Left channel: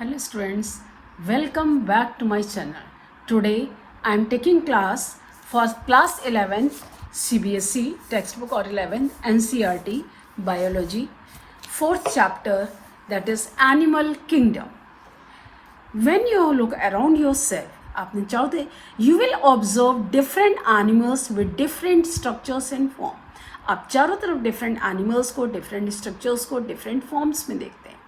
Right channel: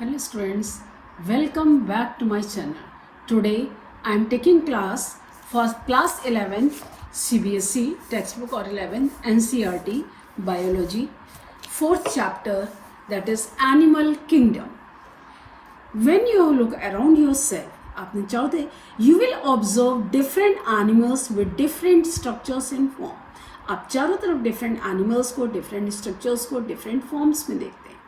Hello students, welcome back to my channel. Today I am taking class for class 11 CBSE textbook or 11 NCERT biology, fourth chapter, that is Animal Kingdom. When you look around yourself, आपने चाहते you will observe different animals with different structures and form. आप चारों तरफ different animals को, different structures को, different forms में देखते हैं.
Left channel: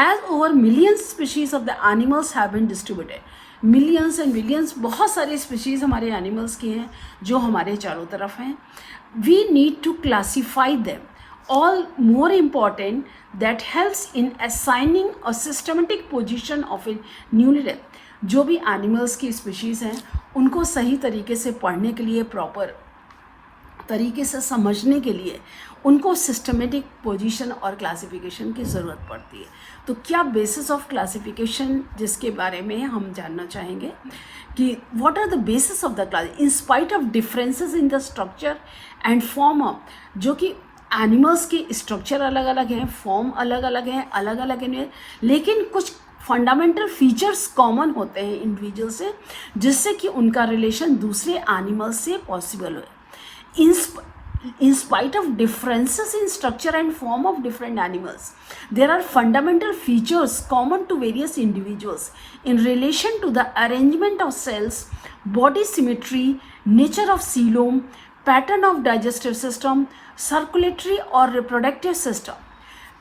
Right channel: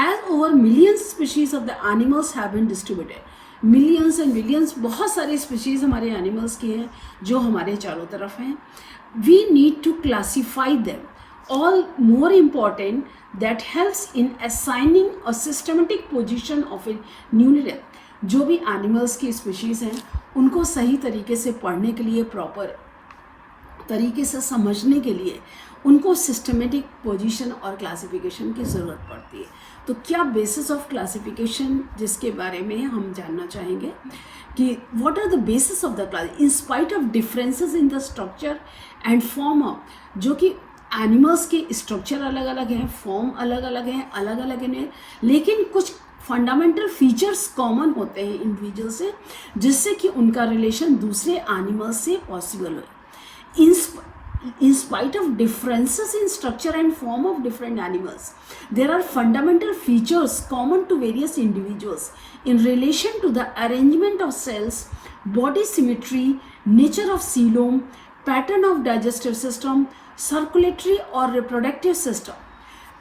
As over millions species of the animals have been distributed. Millions and millions बहुत सारे species हमारे animals की हैं जो हमारे चारों तरफ हैं. We need to classify them. All more important that helps in assigning a systematic position of a newly dead. जो भी animals की species हैं उनको सही तरीके से पढ़ने के लिए, proper तरीके से समझने के लिए उनको सिस्टमेटिक पोजीशन और क्लासिफिकेशन की ज़रूरत पड़ती है. तो क्या बेसिस ऑफ क्लासिफिकेशन जिसके बारे में हम जानना चाहेंगे कि what are the basis of the class in spite of differences in the structure and form of, जो कि एनिमल्स के स्ट्रक्चर अलग अलग हैं, फॉर्म अलग अलग हैं, लेकिन कुछ फंडामेंटल फीचर्स कॉमन होते हैं इंडिविजुअल से, जिससे कि उनका रिलेशन दूसरे एनिमल्स से पॉसिबल हो. In spite of differences in structure and form of different animals, there are fundamental features common to various individuals in relation to the arrangement of cells, body symmetry, nature of coelom, pattern of digestive system, circulatory or reproductive system.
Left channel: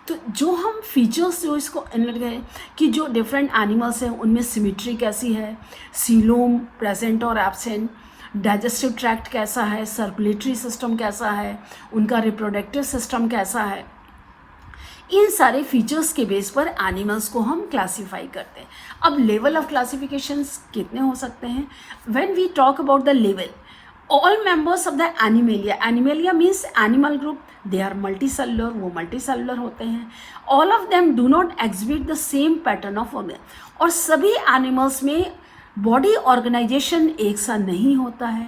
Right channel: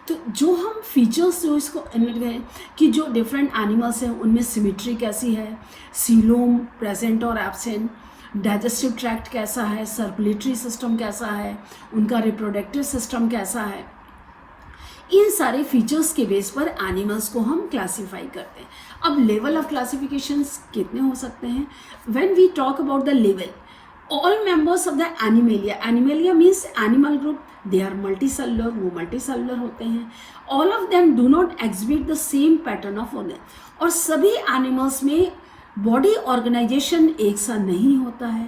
तो जो हम features जो इसको गए कि जो different animals हैं उनमें सिमिट्री कैसी है, सीलोम प्रेजेंट और एब्सेंट, डाइजेस्टिव ट्रैक्ट कैसा है, सर्कुलेटरी सिस्टम कैसा है, उनका रिप्रोडक्टिव सिस्टम कैसा है, इन सारे फीचर्स के बेस पर एनिमल्स को हम क्लासीफाई करते हैं. अब लेवल ऑफ क्लासिफिकेशंस कितने हो सकते हैं? When we talk about the level, all members of the Animalia means animal group, they are multicellular, वो मल्टीसेलुलर होते हैं. All of them do not exhibit the same pattern of organ, और सभी animals में बॉडी ऑर्गेनाइजेशन एक सा नहीं होता है.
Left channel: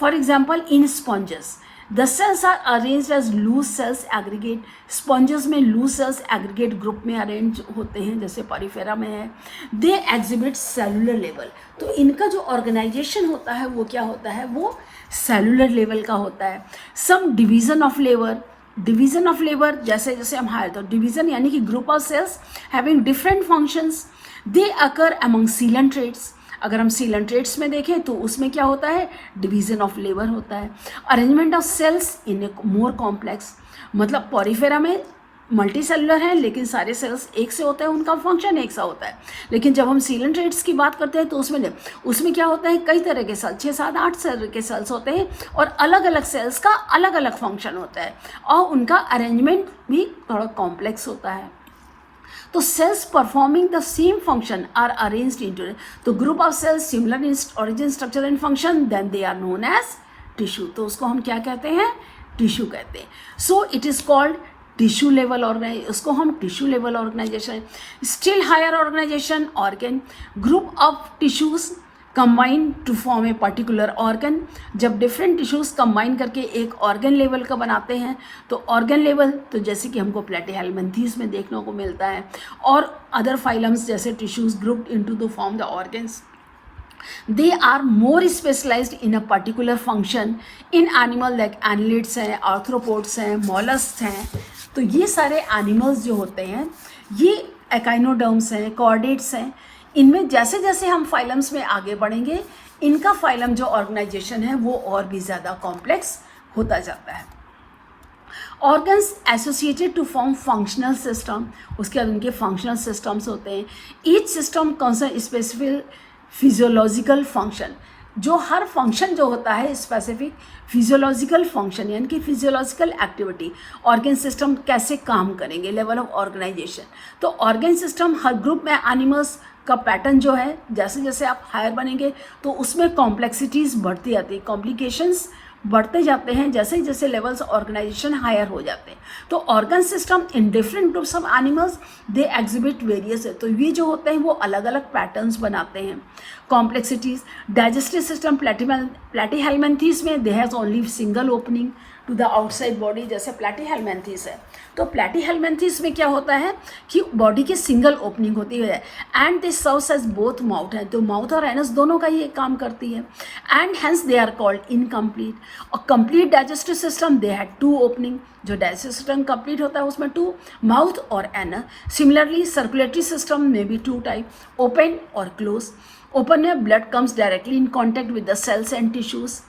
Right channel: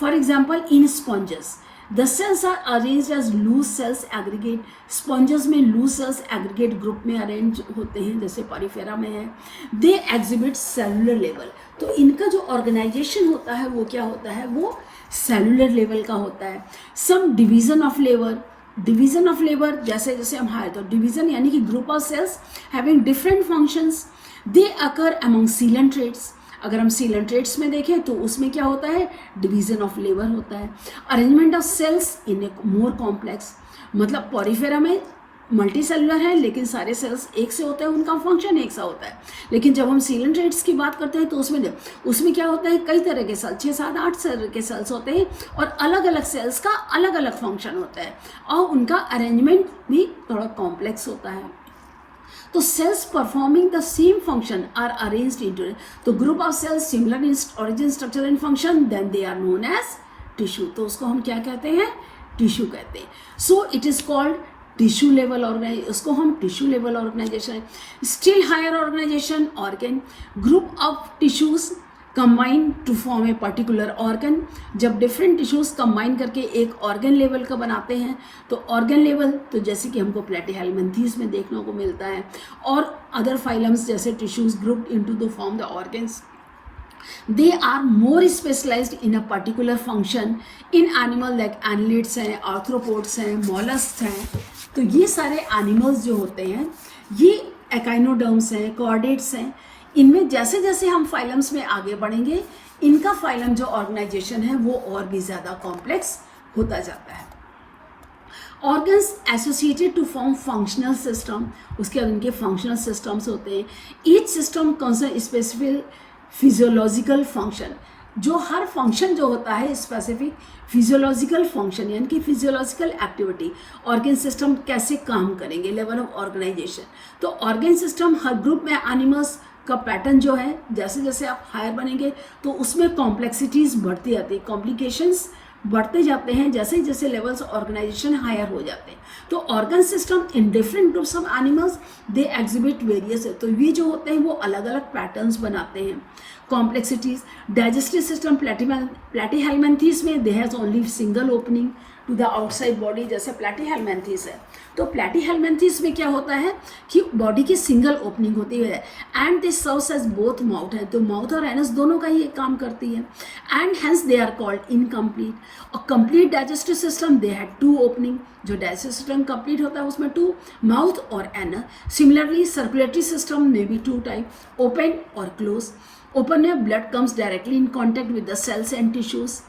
For example in sponges the cells are arranged as loose cells aggregate. Sponges में लूज सेल्स एग्रीगेट ग्रुप में अरेंज होते हैं, जैसे पॉरीफेरा में है. दे एग्जिबिट सेलुलर लेवल, तो इनका जो ऑर्गेनाइजेशन होता है वो क्या होता है, वो सेलुलर लेवल का होता है. सम डिवीजन ऑफ लेबर जैसे जैसे हम हायर, तो डिवीजन यानी कि group of sales having different functions, they occur among coelenterates. अगर हम सीलेंट्रेट्स में देखें तो उसमें क्या होता है, डिवीजन ऑफ लेबर होता है. Arrangement of cells in a more complex, मतलब पॉरीफेरा में मल्टी सेलुलर है लेकिन सारे सेल्स एक से होते हैं, उनका फंक्शन एक सा होता है. लेकिन जब हम सीलेंट्रेट्स की बात करते हैं तो उसमें क्या होता है, कई तरह के सेल्स, 6, 7, 8 तरह के सेल्स होते हैं और अलग अलग सेल्स का अलग अलग फंक्शन होता है और उनका अरेंजमेंट भी थोड़ा कॉम्प्लेक्स होता है. तो cells performing the same function are arranged into तो group of cells similar in origin, structure and function, then they are known as tissue. तो उसको हम क्या कहते हैं, टिश्यू कहते हैं. So it is called tissue level organisation, उसको हम tissue level organisation. Still higher organisation organ, group of tissues combine to form a particular organ. जब डिफरेंट टिश्यूज कंबाइन करके एक ऑर्गन लेवल का बनाते हैं तो ऑर्गन लेवल, तो जैसे कि हमको प्लेटीहेल्मिन्थीज में देखने को मिलता है, और अदर फाइलम्स जैसे tissues grouped into the form the organs. They are more specialized in a particular function in animal like annelids हैं, arthropods हैं, mollusks हैं. तो ये सारे एनिमल्स जो होते हैं ये एकाइनोडर्म्स हैं, कॉर्डेट्स हैं. इनमें जैसे जैसे हम फाइलम्स में आगे बढ़ेंगे इनका फाइलम जो ऑर्गेनाइजेशन है वो और भी ज़्यादा कॉम्प्लेक्स होता जाता है. Organs associated to form functional system, उसके बाद उनके फंक्शनल सिस्टम्स होते हैं. Each system concern specific physiological function, जो हर फंक्शन जो होता है स्पेसिफिक फिजियोलॉजिकल फंक्शन यानी कि फिजियोलॉजिकल एक्टिविटी, ऑर्गन सिस्टम कैसे काम करेंगे, लेवल ऑफ ऑर्गेनाइजेशन. तो ऑर्गन सिस्टम हर ग्रुप में एनिमल्स का पैटर्न जो है, जैसे जैसे आप हायर बनेंगे तो उसमें कॉम्प्लेक्सिटीज़ बढ़ती जाती है, कॉम्प्लिकेशंस बढ़ते जाते हैं जैसे जैसे लेवल्स ऑर्गेनाइजेशन हायर हो जाते हैं. तो organ system in different groups of animals they exhibit various है, तो ये जो होते हैं वो अलग अलग पैटर्न्स बनाते हैं. कॉम्प्लेक्सिटीज, डाइजेस्टिव सिस्टम प्लेटीहेल्मिन्थीज में they has only single opening to the outside body, जैसे प्लेटीहेल्मिन्थीज है तो प्लैटीहेलमिन्थेस में क्या होता है कि बॉडी की सिंगल ओपनिंग होती है and they serves as both mouth है, तो माउथ और एनस दोनों का ये काम करती है and hence they are called incomplete. और complete digestive system they had 2 opening, जो डाइजेस्टिव सिस्टम कंप्लीट होता है उसमें 2 माउथ और एनस। सिमिलरली सर्कुलेटरी सिस्टम में भी 2 टाइप, ओपन और क्लोज। ओपन में blood comes directly in contact with the cells and tissues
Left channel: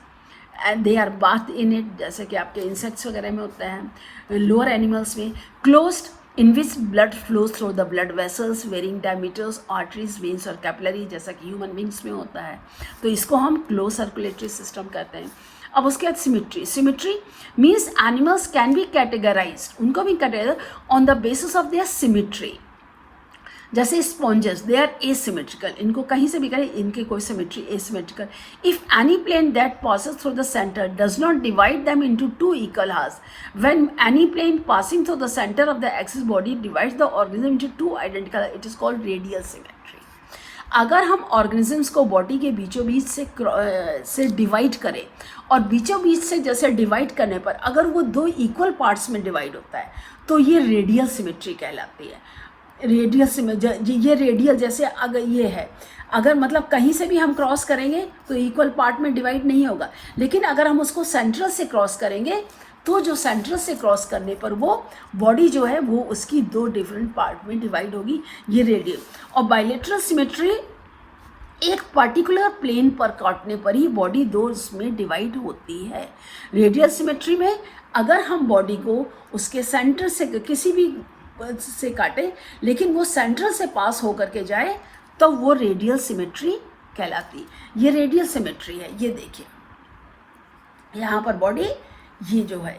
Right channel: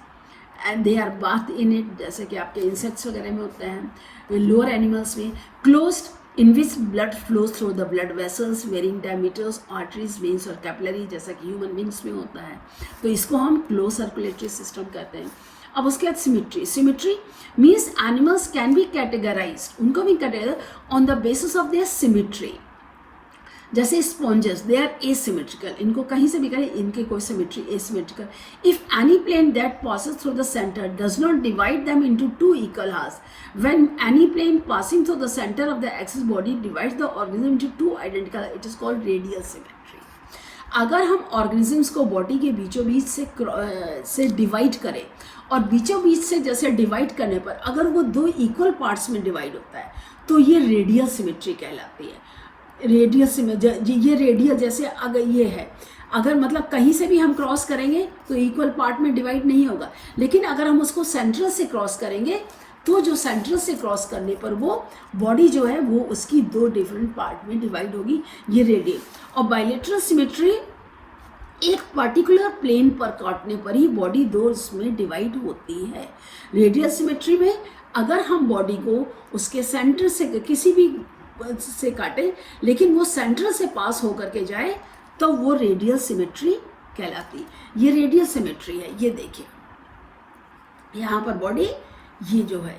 and they are bath in it, जैसे कि आपके इंसेक्ट्स वगैरह में होता है, लोअर एनिमल्स में। Closed in which blood flows through the blood vessels varying diameters, arteries, veins और capillary, जैसा कि ह्यूमन बींग्स में होता है, तो इसको हम क्लोज सर्कुलेटरी सिस्टम कहते हैं। अब उसके बाद symmetry. Symmetry means animals can be categorised, उनको भी categorise on the basis of their symmetry. जैसे स्पॉन्जेस दे आर एसिमेट्रिकल, इनको कहीं से भी करें इनके कोई symmetry asymmetrical. If any plane that passes through the center does not divide them into 2 equal halves, when any plane passing through the center of the axis body divides the organism into 2 identical, it is called radial symmetry। अगर हम organisms को body के बीचों बीच से divide करें और बीचों बीच से जैसे डिवाइड करने पर अगर वो 2 इक्वल पार्ट्स में डिवाइड होता है तो ये रेडियल सिमेट्री कहलाती है। रेडियल सिमेट्री, ये रेडियल जैसे अगर ये है, अगर मतलब कहीं से भी हम क्रॉस करेंगे तो इक्वल पार्ट में डिवाइड नहीं होगा, लेकिन अगर हम उसको सेंट्रल से क्रॉस करेंगे तो जो सेंट्रल से क्रॉस करने पर वो बॉडी जो है वो उसकी 2 डिफरेंट पार्ट में डिवाइड होगी, ये रेडियल। और बायलेटरल सिमेट्री एक पर्टिकुलर प्लेन पर काटने पर ही बॉडी 2 में डिवाइड होती है। रेडियल सिमेट्री में अगर हम बॉडी को उसके सेंटर से किसी भी से काटे लेकिन वो सेंट्रल से पास होकर के जाए तो वो रेडियल सिमेट्री कहलाती। ये रेडियल सिमेट्री है। ये देखिए यहाँ पर बॉडी ये जो है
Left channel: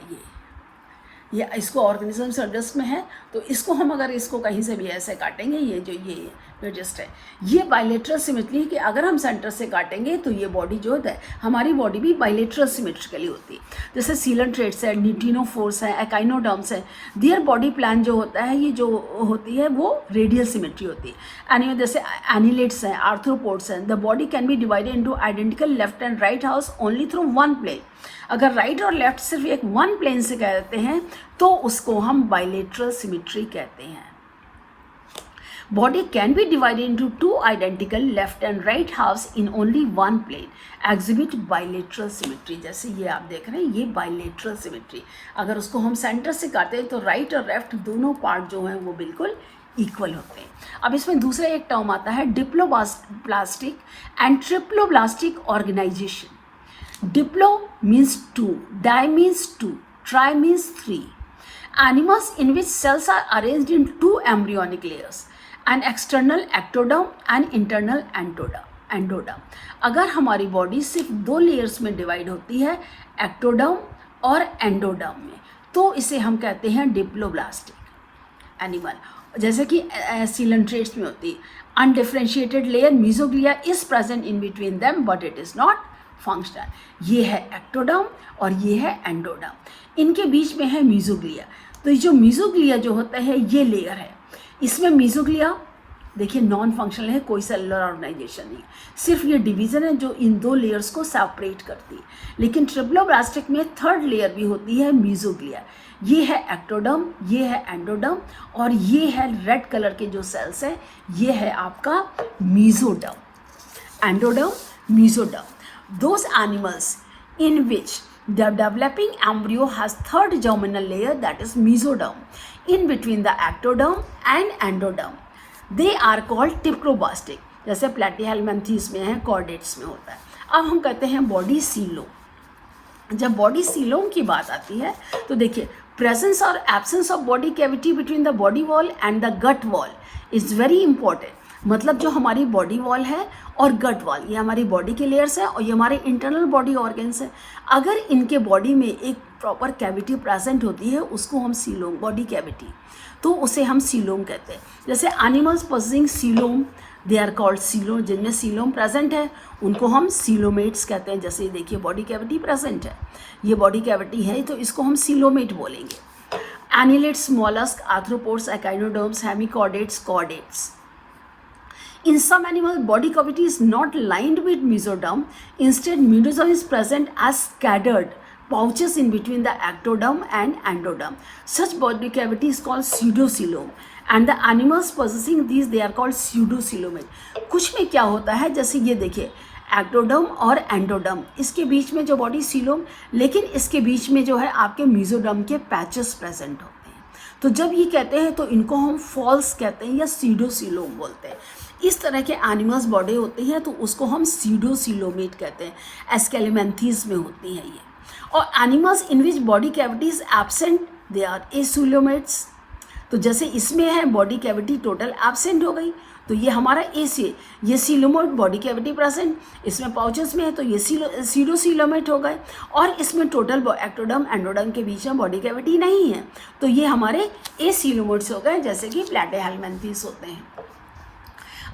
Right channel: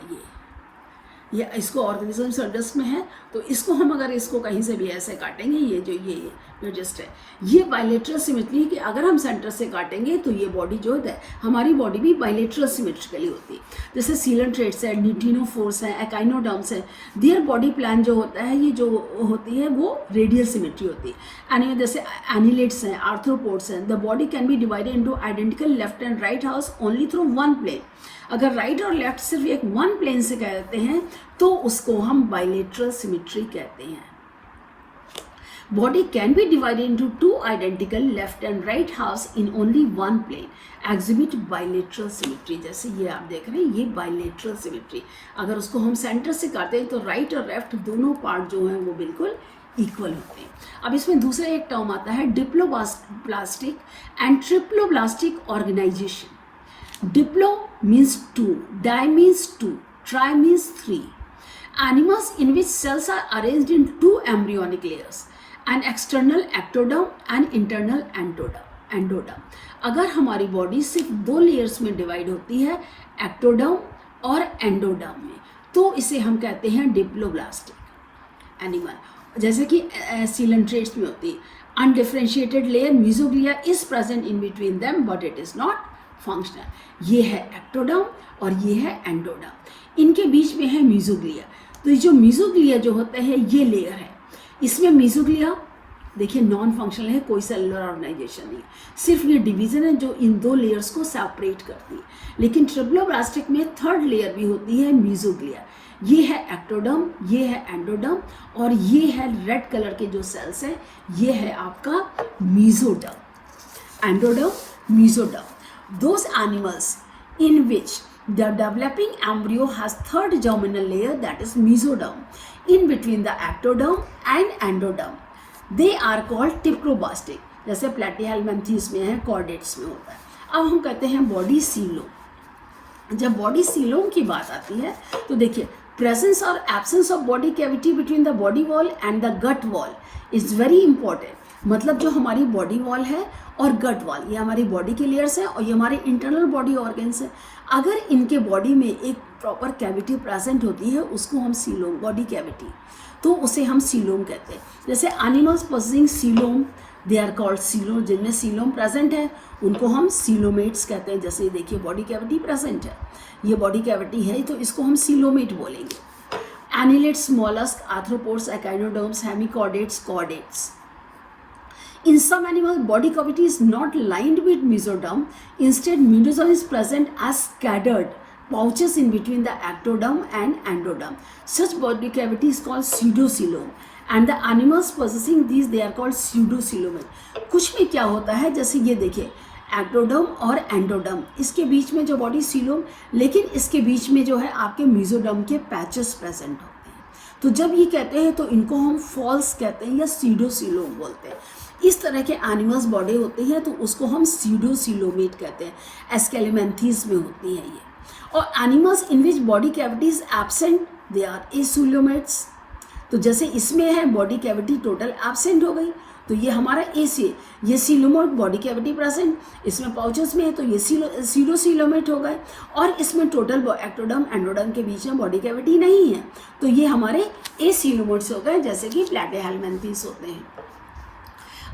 ये इसको ऑर्गेनिज्म सर्जस में है, तो इसको हम अगर इसको कहीं से भी ऐसे काटेंगे, ये जो ये जस्ट है, ये बायलेटरल सिमेट्री कि अगर हम सेंटर से काटेंगे तो ये बॉडी जो है हमारी बॉडी भी बायलेटरल सिमेट्रिकली होती है। जैसे सीलेंट्रेट्स है, न्यूट्रिनोफोर्स है, एकाइनोडर्म्स है, दियर बॉडी प्लान जो होता है ये जो होती है वो रेडियल सिमेट्री होती है। एनी जैसे एनिलेट्स हैं, आर्थ्रोपोड्स हैं, the body can be divided into identical left and right halves only through 1 plane. अगर राइट और लेफ्ट सिर्फ एक 1 प्लेन से कहते हैं तो उसको हम बायलेटरल सिमेट्री कहते हैं। Body can be divided into 2 identical left and right halves in only 1 plane, exhibit bilateral symmetry. जैसे ये आप देख रहे हैं ये बायलेटरल सिमेट्री। अगर उसको हम सेंटर से काटते हैं तो राइट और लेफ्ट दोनों पार्ट जो हैं वो बिल्कुल इक्वल होते हैं। अब इसमें दूसरा एक टर्म आता है diploblastic and triploblastic organization. Diplo means 2, di means 2, tri means 3. Animals in which cells are arranged in 2 embryonic layers, an external ectoderm and internal endoderm. अगर हमारी बॉडी सिर्फ 2 लेयर्स में डिवाइड होती है, एक्टोडर्म और एंडोडर्म में, तो इसे हम कहते हैं डिप्लोब्लास्टिक एनिमल। जैसे कि सीलेंट्रेट्स में होती है, undifferentiated layer mesoglea is present in between them but it is not functional. ये है एक्टोडर्म और ये है एंडोडर्म, इनके बीच में है मीजोग्लिया। तो ये जो मीजोग्लिया जो होता है ये लेयर है, इसमें मीजोग्लिया देखिए नॉन फंक्शनल है, कोई सेलुलर ऑर्गेनाइजेशन नहीं, सिर्फ ये डिवीजन है जो इन 2 लेयर्स को सेपरेट करती है। लेकिन ट्रिप्लोब्लास्टिक में 3rd लेयर भी होती है मीजोग्लिया। ये है एक्टोडर्म, ये है एंडोडर्म और ये है रेड कलर के जो सेल्स है ये है आपका mesoderm. Endoderm, mesoderm, those animals in which the developing embryo has 3rd germinal layer, that is mesoderm, in between the ectoderm and endoderm, they are called diploblastic। जैसे प्लैटीहेलमिन्थेस में है, कॉर्डेट्स में होता है। अब हम कहते हैं बॉडी सीलोम। जब बॉडी सीलोम की बात आती है तो देखिए प्रेजेंस और absence of body cavity between the body wall and the gut wall is very important. मतलब जो हमारी बॉडी वॉल है और गट वॉल, ये हमारी बॉडी के लेयर्स है और ये हमारे इंटरनल बॉडी ऑर्गन्स है। अगर इनके बॉडी में एक प्रॉपर कैविटी प्रेजेंट होती है उसको हम सीलोम, बॉडी कैविटी, तो उसे हम सीलोम कहते हैं। जैसे animals possessing coelom they are called coelom, जिनमें सीलोम प्रेजेंट है उनको हम सीलोमेट्स कहते हैं। जैसे देखिए बॉडी कैविटी प्रेजेंट है, ये बॉडी कैविटी है तो इसको हम सीलोमेट बोलेंगे। Annelids, mollusc, arthropods, echinoderms, hemichordates, chordates. In some animals, body cavity is not lined with mesoderm. Instead, mesoderm is present as scattered pouches in between the ectoderm and endoderm. Such body cavity is called pseudocoelom, and the animals possessing these they are called pseudocoelomate. कुछ में क्या होता है, जैसे ये देखिए ectoderm और endoderm, इसके बीच में जो बॉडी सीलोम, लेकिन इसके बीच में जो है आपके मेसोडर्म के पैचेस प्रेजेंट होते हैं। तो जब ये कहते हैं तो इनको हम फॉल्स कहते हैं या सीडोसीलोम बोलते हैं। इस तरह के एनिमल्स बॉडी होती है तो उसको हम सीडोसीलोमेट कहते हैं। एस्केलिमेंथीज में होती है ये। और animals in which body cavity is absent they are acoelomates. तो जैसे इसमें है बॉडी कैविटी टोटल एब्सेंट हो गई, तो ये हमारा ये सीलोमेट बॉडी कैविटी प्रेजेंट, इसमें पाउचेस में है तो ये सीडोसीलोमेट हो गए, और इसमें टोटल एक्टोडर्म एंडोडर्म के बीच में बॉडी कैविटी नहीं है, तो ये हमारे एसीलोमेट्स हो गए, जैसे कि प्लैटिहेल्मिन्थेस होते हैं।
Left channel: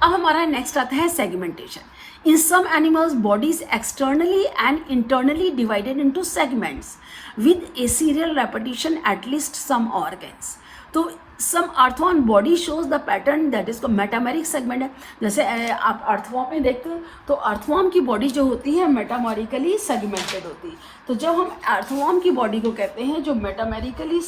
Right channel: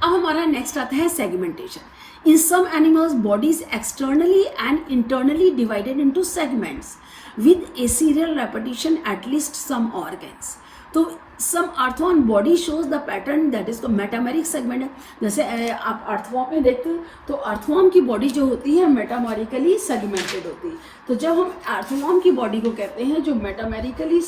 अब हमारा नेक्स्ट आता है segmentation. In some animals bodies externally and internally divided into segments with a serial repetition at least some organs. तो some earthworm body shows the pattern that is metameric segment है। जैसे आप अर्थवॉर्म में देखते हो तो अर्थवॉर्म की body जो होती है मेटामेरिकली सेगमेंटेड होती है। तो जब हम अर्थवॉर्म की बॉडी को कहते हैं जो मेटामेरिकली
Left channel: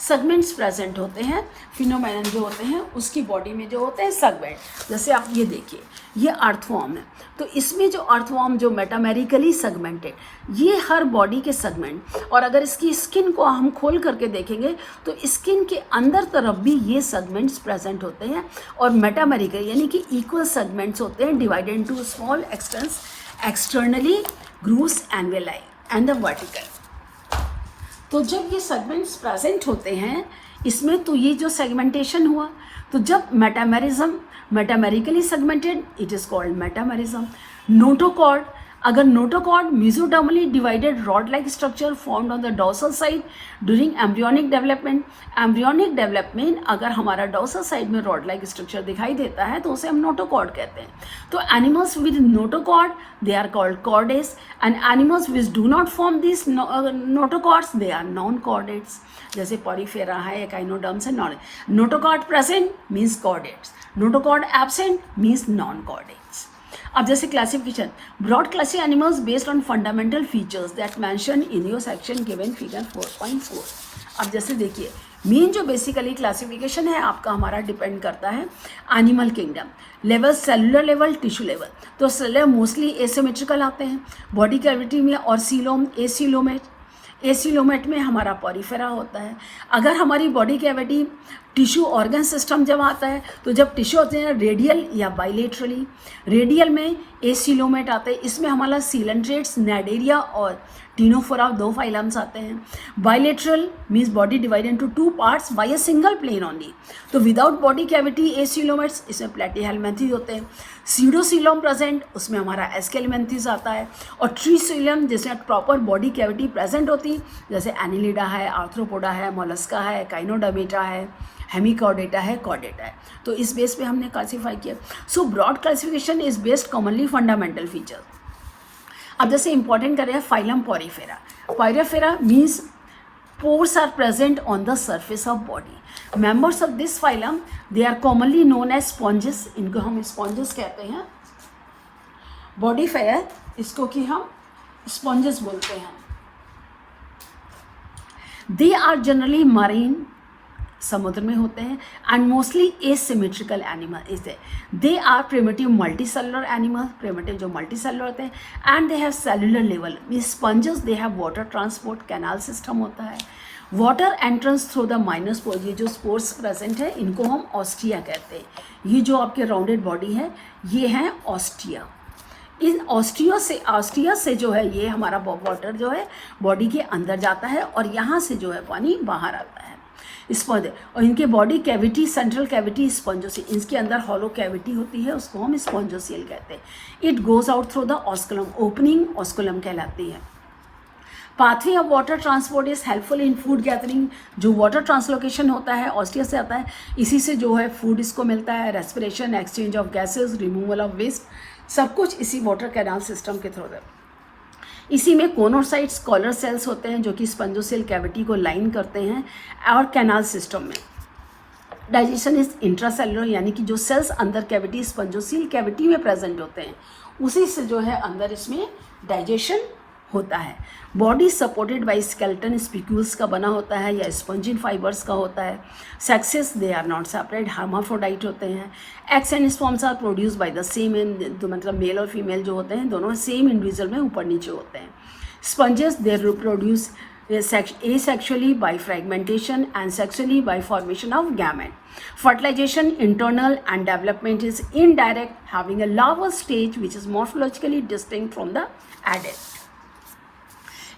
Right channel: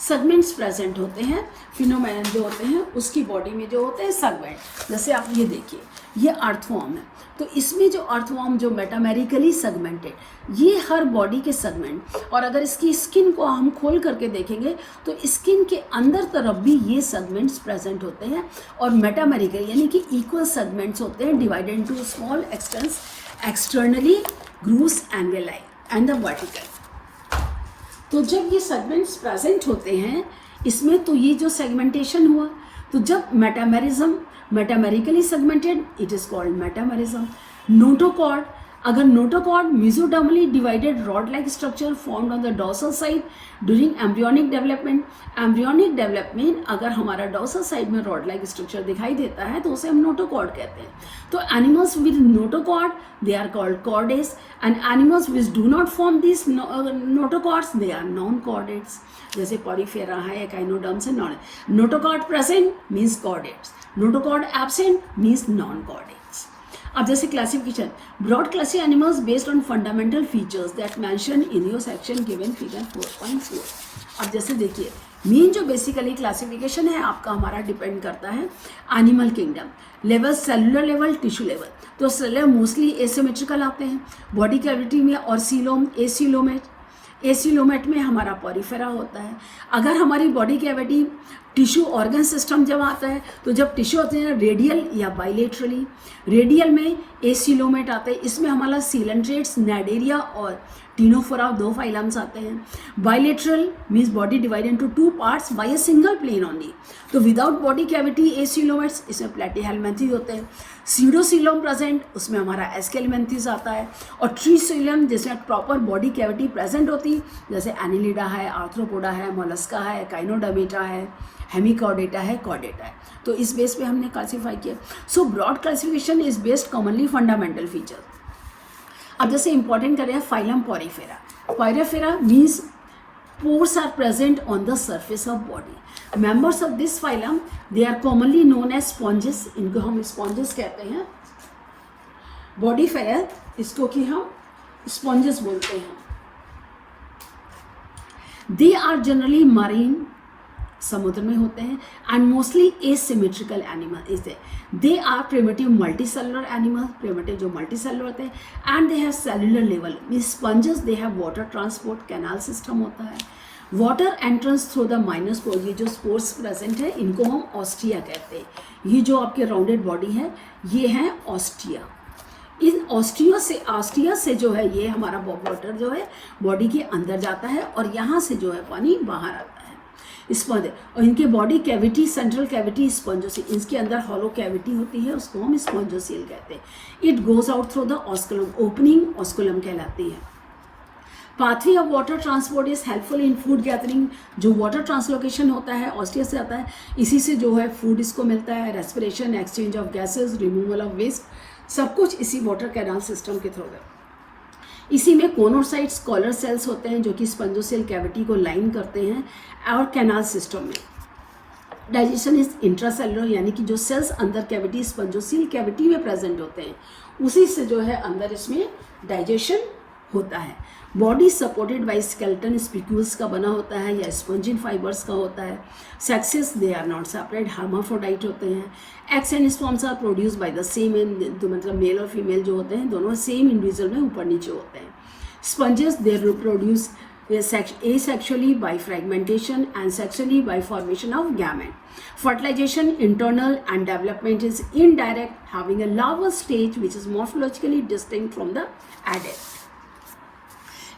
सेगमेंट्स प्रेजेंट होते हैं, फिनोमेनन जो होते हैं उसकी बॉडी में जो होते हैं सेगमेंट। जैसे आप ये देखिए ये अर्थवॉर्म है, तो इसमें जो अर्थवॉर्म जो मेटामेरिकली सेगमेंटेड, ये हर बॉडी के सेगमेंट, और अगर इसकी स्किन को हम खोल करके देखेंगे तो स्किन के अंदर तरफ भी ये सेगमेंट्स प्रेजेंट होते हैं, और मेटामेरिकल यानी कि इक्वल सेगमेंट्स होते हैं divided into small extents externally grooves and valley and the vertical. तो जब ये सेगमेंट्स प्रेजेंट होते हैं इसमें, तो ये जो सेगमेंटेशन हुआ, तो जब metamerically segmented it is called metamerism. Notochord, अगर notochord mesodermally divided rod like structure formed on the dorsal side during embryonic development. Embryonic development अगर हमारा डोर्सल साइड में रॉड लाइक स्ट्रक्चर दिखाई देता है तो उसे हम नोटोकॉर्ड कहते हैं। तो animals with notochord they are called chordates, and animals which do not form this notochords they are non chordates. जैसे पॉलीफेरा है, एकाइनोडर्म्स है, non. Notochord present means chordates, notochord absent means non chordates. अब जैसे classification, broad classy animals based on fundamental features that mention in your section given figure 4.4। अब जैसे देखिए main जो basically classification है आपका हमारा डिपेंड करता है animal kingdom level, cellular level, tissue level. तो सेलुलर मोस्टली एसिमेट्रिकल आते हैं बॉडी कैविटी में, और सीलोम एसीलोमेट में हमारा पॉरीफेरा होता है। अगर हमारी body cavity tissue organ system जब आता है, तो जब टिश्यू होते हैं रेडियल या बाइलेटरली, रेडियल में एसीलोमेट आते हैं, इसमें हमारा सीलेंट्रेट्स, नाइडेरिया और टीनोफोरा 2 फाइलम्स आते हैं। Bilateral means body divide into 2 parts by a single plane only. तो विदाउट बॉडी कैविटी एसीलोमेट्स, इसमें प्लैटिहेल्मिन्थेस होते हैं। सीडोसीलोम प्रेजेंट, उसमें हमारा एस्केलिमेंथेस आता है। और ट्रीसीलोम जिसमें प्रॉपर बॉडी कैविटी प्रेजेंट होती है, जैसे एनिलिडा है, आर्थ्रोपोडा है, मोलस्का है, काइनोडर्मेटा है, हेमिकॉर्डेटा है, कॉर्डेटा है। तो इस बेस पे हमने क्लासीफाई किया। So broad classification is based commonly fundamental feature. अब जैसे इंपॉर्टेंट करें phylum Porifera. Porifera means pores are present on the surface of body. Members of this phylum they are commonly known as sponges. इनको हम sponges कहते हैं। Body फेरा इसको कि हम स्पॉन्जेस बोलते हैं। दे आर जनरली मरीन, समुद्र में होते हैं, and mostly asymmetrical animal is they are primitive multicellular animal, primitive जो मल्टीसेलुलर होते हैं, and they have cellular level. Sponges they have water transport, canal system होता है, water entrance through the minor spore. ये जो स्पोर्स प्रेजेंट है इनको हम ऑस्टिया कहते हैं। ये जो आपके राउंडेड बॉडी है ये है ऑस्टिया। इन ऑस्टिया से जो है ये हमारा वाटर जो है बॉडी के अंदर जाता है और यहाँ से जो है पानी बाहर आता है। स्पंज, और इनके बॉडी कैविटी सेंट्रल कैविटी स्पंजोसिल, इसके अंदर हॉलो कैविटी होती है, उसको हम स्पंजोसिल कहते हैं। It goes out through the osculum, opening osculum कहलाती है। Pathway of water transport is helpful in food gathering. जो वाटर ट्रांसलोकेशन होता है ऑस्टिया से आता है, इसी से जो है फूड इसको मिलता है, respiration, exchange of gases, removal of waste, सब कुछ इसी वाटर कैनाल सिस्टम के थ्रू है। इसी में कोनोसाइट्स, कॉलर सेल्स होते हैं जो कि स्पंजोसेल कैविटी को लाइन करते हैं, और कैनाल सिस्टम में डाइजेशन इज इंट्रासेलुलर, यानी कि जो सेल्स अंदर कैविटी स्पंजोसेल कैविटी में प्रेजेंट होते हैं उसी से जो है अंदर इसमें डाइजेशन होता है। Body supported by skeleton spicules का बना होता है या स्पंजिन फाइबर्स का होता है। Sexes they are not separate, hermaphrodite होते हैं। Eggs and sperms are produce by the same, मतलब मेल और फीमेल जो होते हैं दोनों सेम इंडिविजुअल में ऊपर नीचे होते हैं। Sponges they reproduce asexually by fragmentation and sexually by formation of gamete. Fertilization internal and development is indirect, having a larval stage which is morphologically distinct from the adult.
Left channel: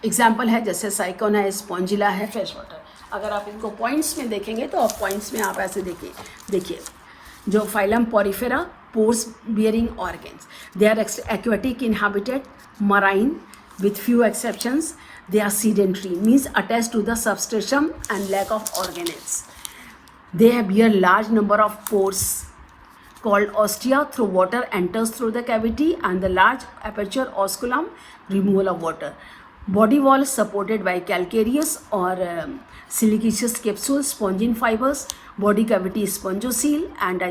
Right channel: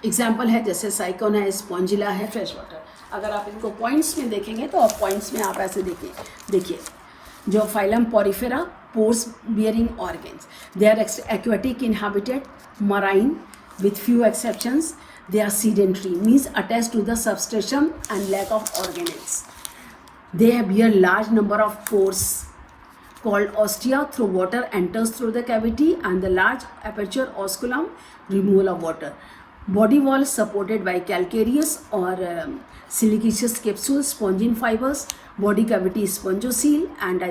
Example है जैसे sycon है, Spongilla है, fresh water. अगर आप इनको points में देखेंगे तो आप पॉइंट्स में आप ऐसे देखिए जो phylum Porifera, pores bearing organs, they are aquatic inhabited, marine with few exceptions. They are sedentary, means attached to the substratum and lack of organelles. They bear large number of pores called ostia. Through water enters through the cavity and the large aperture osculum, removal of water. Body wall supported by calcareous or siliceous capsules, spongin fibers. Body cavity spongocele and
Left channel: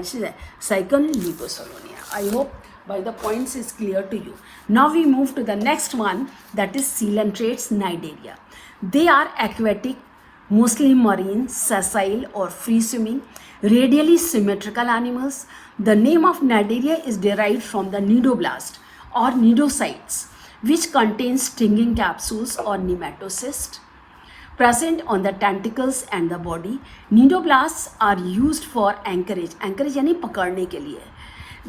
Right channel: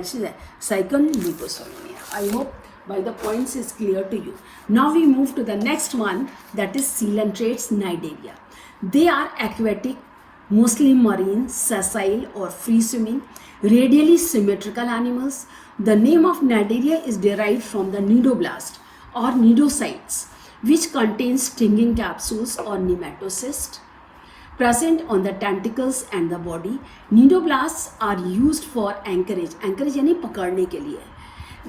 cycle mucosal. I hope by the points is clear to you. Now we move to the next one, that is coelentrates Cnidaria. They are aquatic, mostly marine, sessile or free swimming, radially symmetrical animals. The name of Cnidaria is derived from the nidoblast or nidocytes, which contain stinging capsules or nematocysts present on the tentacles and the body. Nidoblasts are used for anchorage यानी पकड़ने के लिए,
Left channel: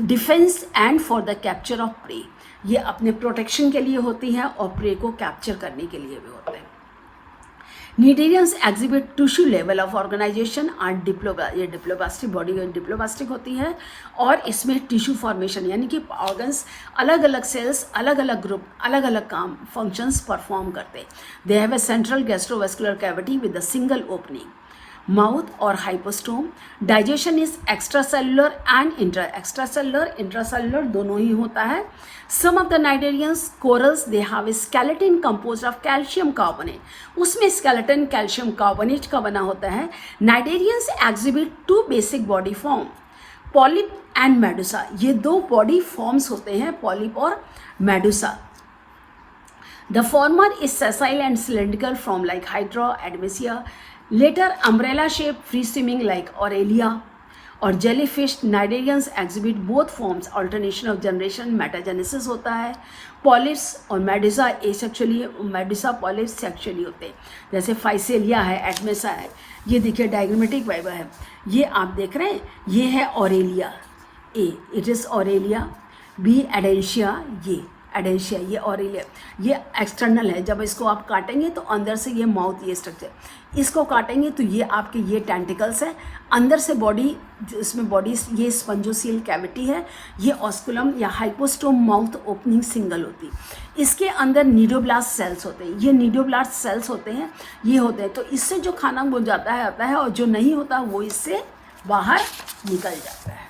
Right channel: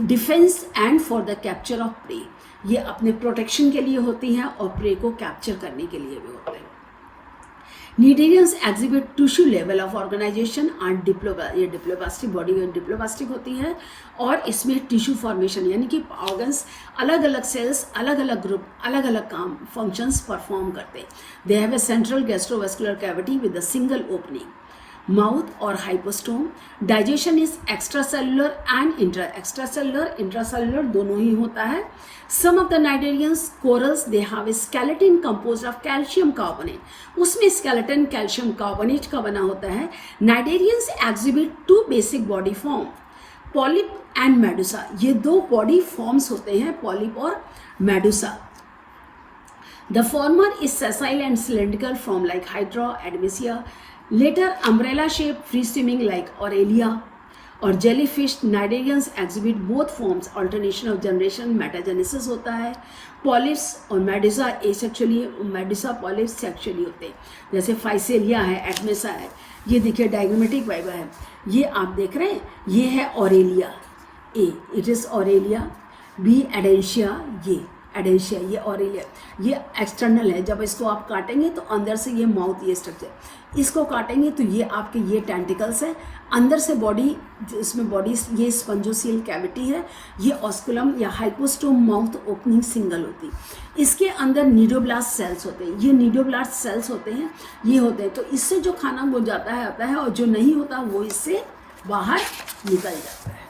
defence and for the capture of prey, ये अपने protection के लिए होती है और प्रे को कैप्चर करने के लिए भी होते हैं। Cnidarians exhibit tissue level of organisation and ये डिप्लोब्लास्टिक बॉडी डिप्लोब्लास्टिक होती है और इसमें टिश्यू फॉर्मेशन यानी कि ऑर्गन्स अलग अलग सेल्स अलग अलग ग्रुप अलग अलग काम फंक्शंस परफॉर्म करते हैं। They have a central gastrovascular cavity with a single opening, mouth और hypostome. Digestion is extracellular and intracellular दोनों ही होता है। Some of the cnidarians corals they have a skeleton composed of calcium carbonate, उसमें skeleton calcium carbonate का बना होता है। Cnidarians exhibit two basic body form, polyp and medusa, ये दो बॉडी फॉर्म्स होते हैं, पॉलिप और medusa. The former is sessile and cylindrical from like Hydra Adamsia, later umbrella shaped free swimming like Aurelia or jellyfish. Cnidarians exhibit both forms, alternation of generation, metagenesis होता है। Polyps और Medusa asexually, Medusa polyps sexually होते हैं, जैसे Physalia है, एडमेसा है। ये देखिए डायग्रामेटिक वाइवा है, ये आप देख रहे हैं, ये है Aurelia, A it is Aurelia, B Adamsia, ये ऑरेलिया, ये एक्सटर्नल है। जब इसको आप काटेंगे तो अंदर से ये माउथ, ये स्ट्रक्चर, इसको काटेंगे तो ये आपके ये टेंटिकल्स है, अंदर से बॉडी, इसमें बॉडी ये स्पंजोसियल कैविटी है, ये ऑस्कुलम या हाइपोस्टोम माउथ ओपनिंग सिंगल होती है। इसके अंदर नीडोब्लास्ट सेल्स होते हैं, ये नीडोब्लास्ट सेल्स होते हैं, ये होते हैं। तो इससे जो खाना घुल जाता है आता है और जो नहीं होता वो इससे बाहर निकल जाता है।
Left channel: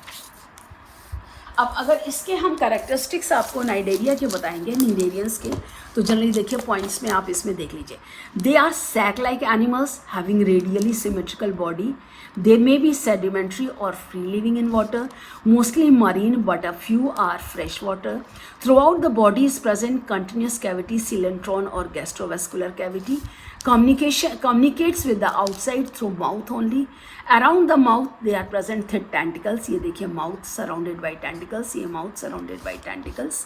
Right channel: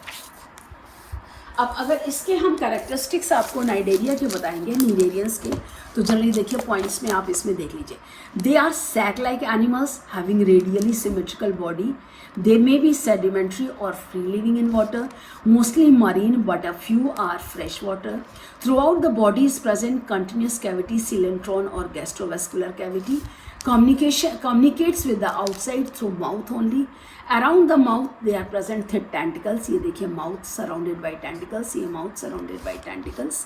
अब अगर इसके हम कैरेक्टरिस्टिक्स आपको नाइडेरिया के बताएंगे, नीडेरियंस के, तो जनरली देखिए पॉइंट्स में आप इसमें देख लीजिए। They are sac like animals having radially symmetrical body, they may be sedimentary और free living in water, mostly marine but a few are fresh water. Throughout the body is present continuous cavity, coelenteron और gastrovascular cavity. Communicates with the outside through mouth only. Around the mouth they are present thick tentacles. ये देखिए mouth surrounded by tentacles, ये mouth surrounded by tentacles।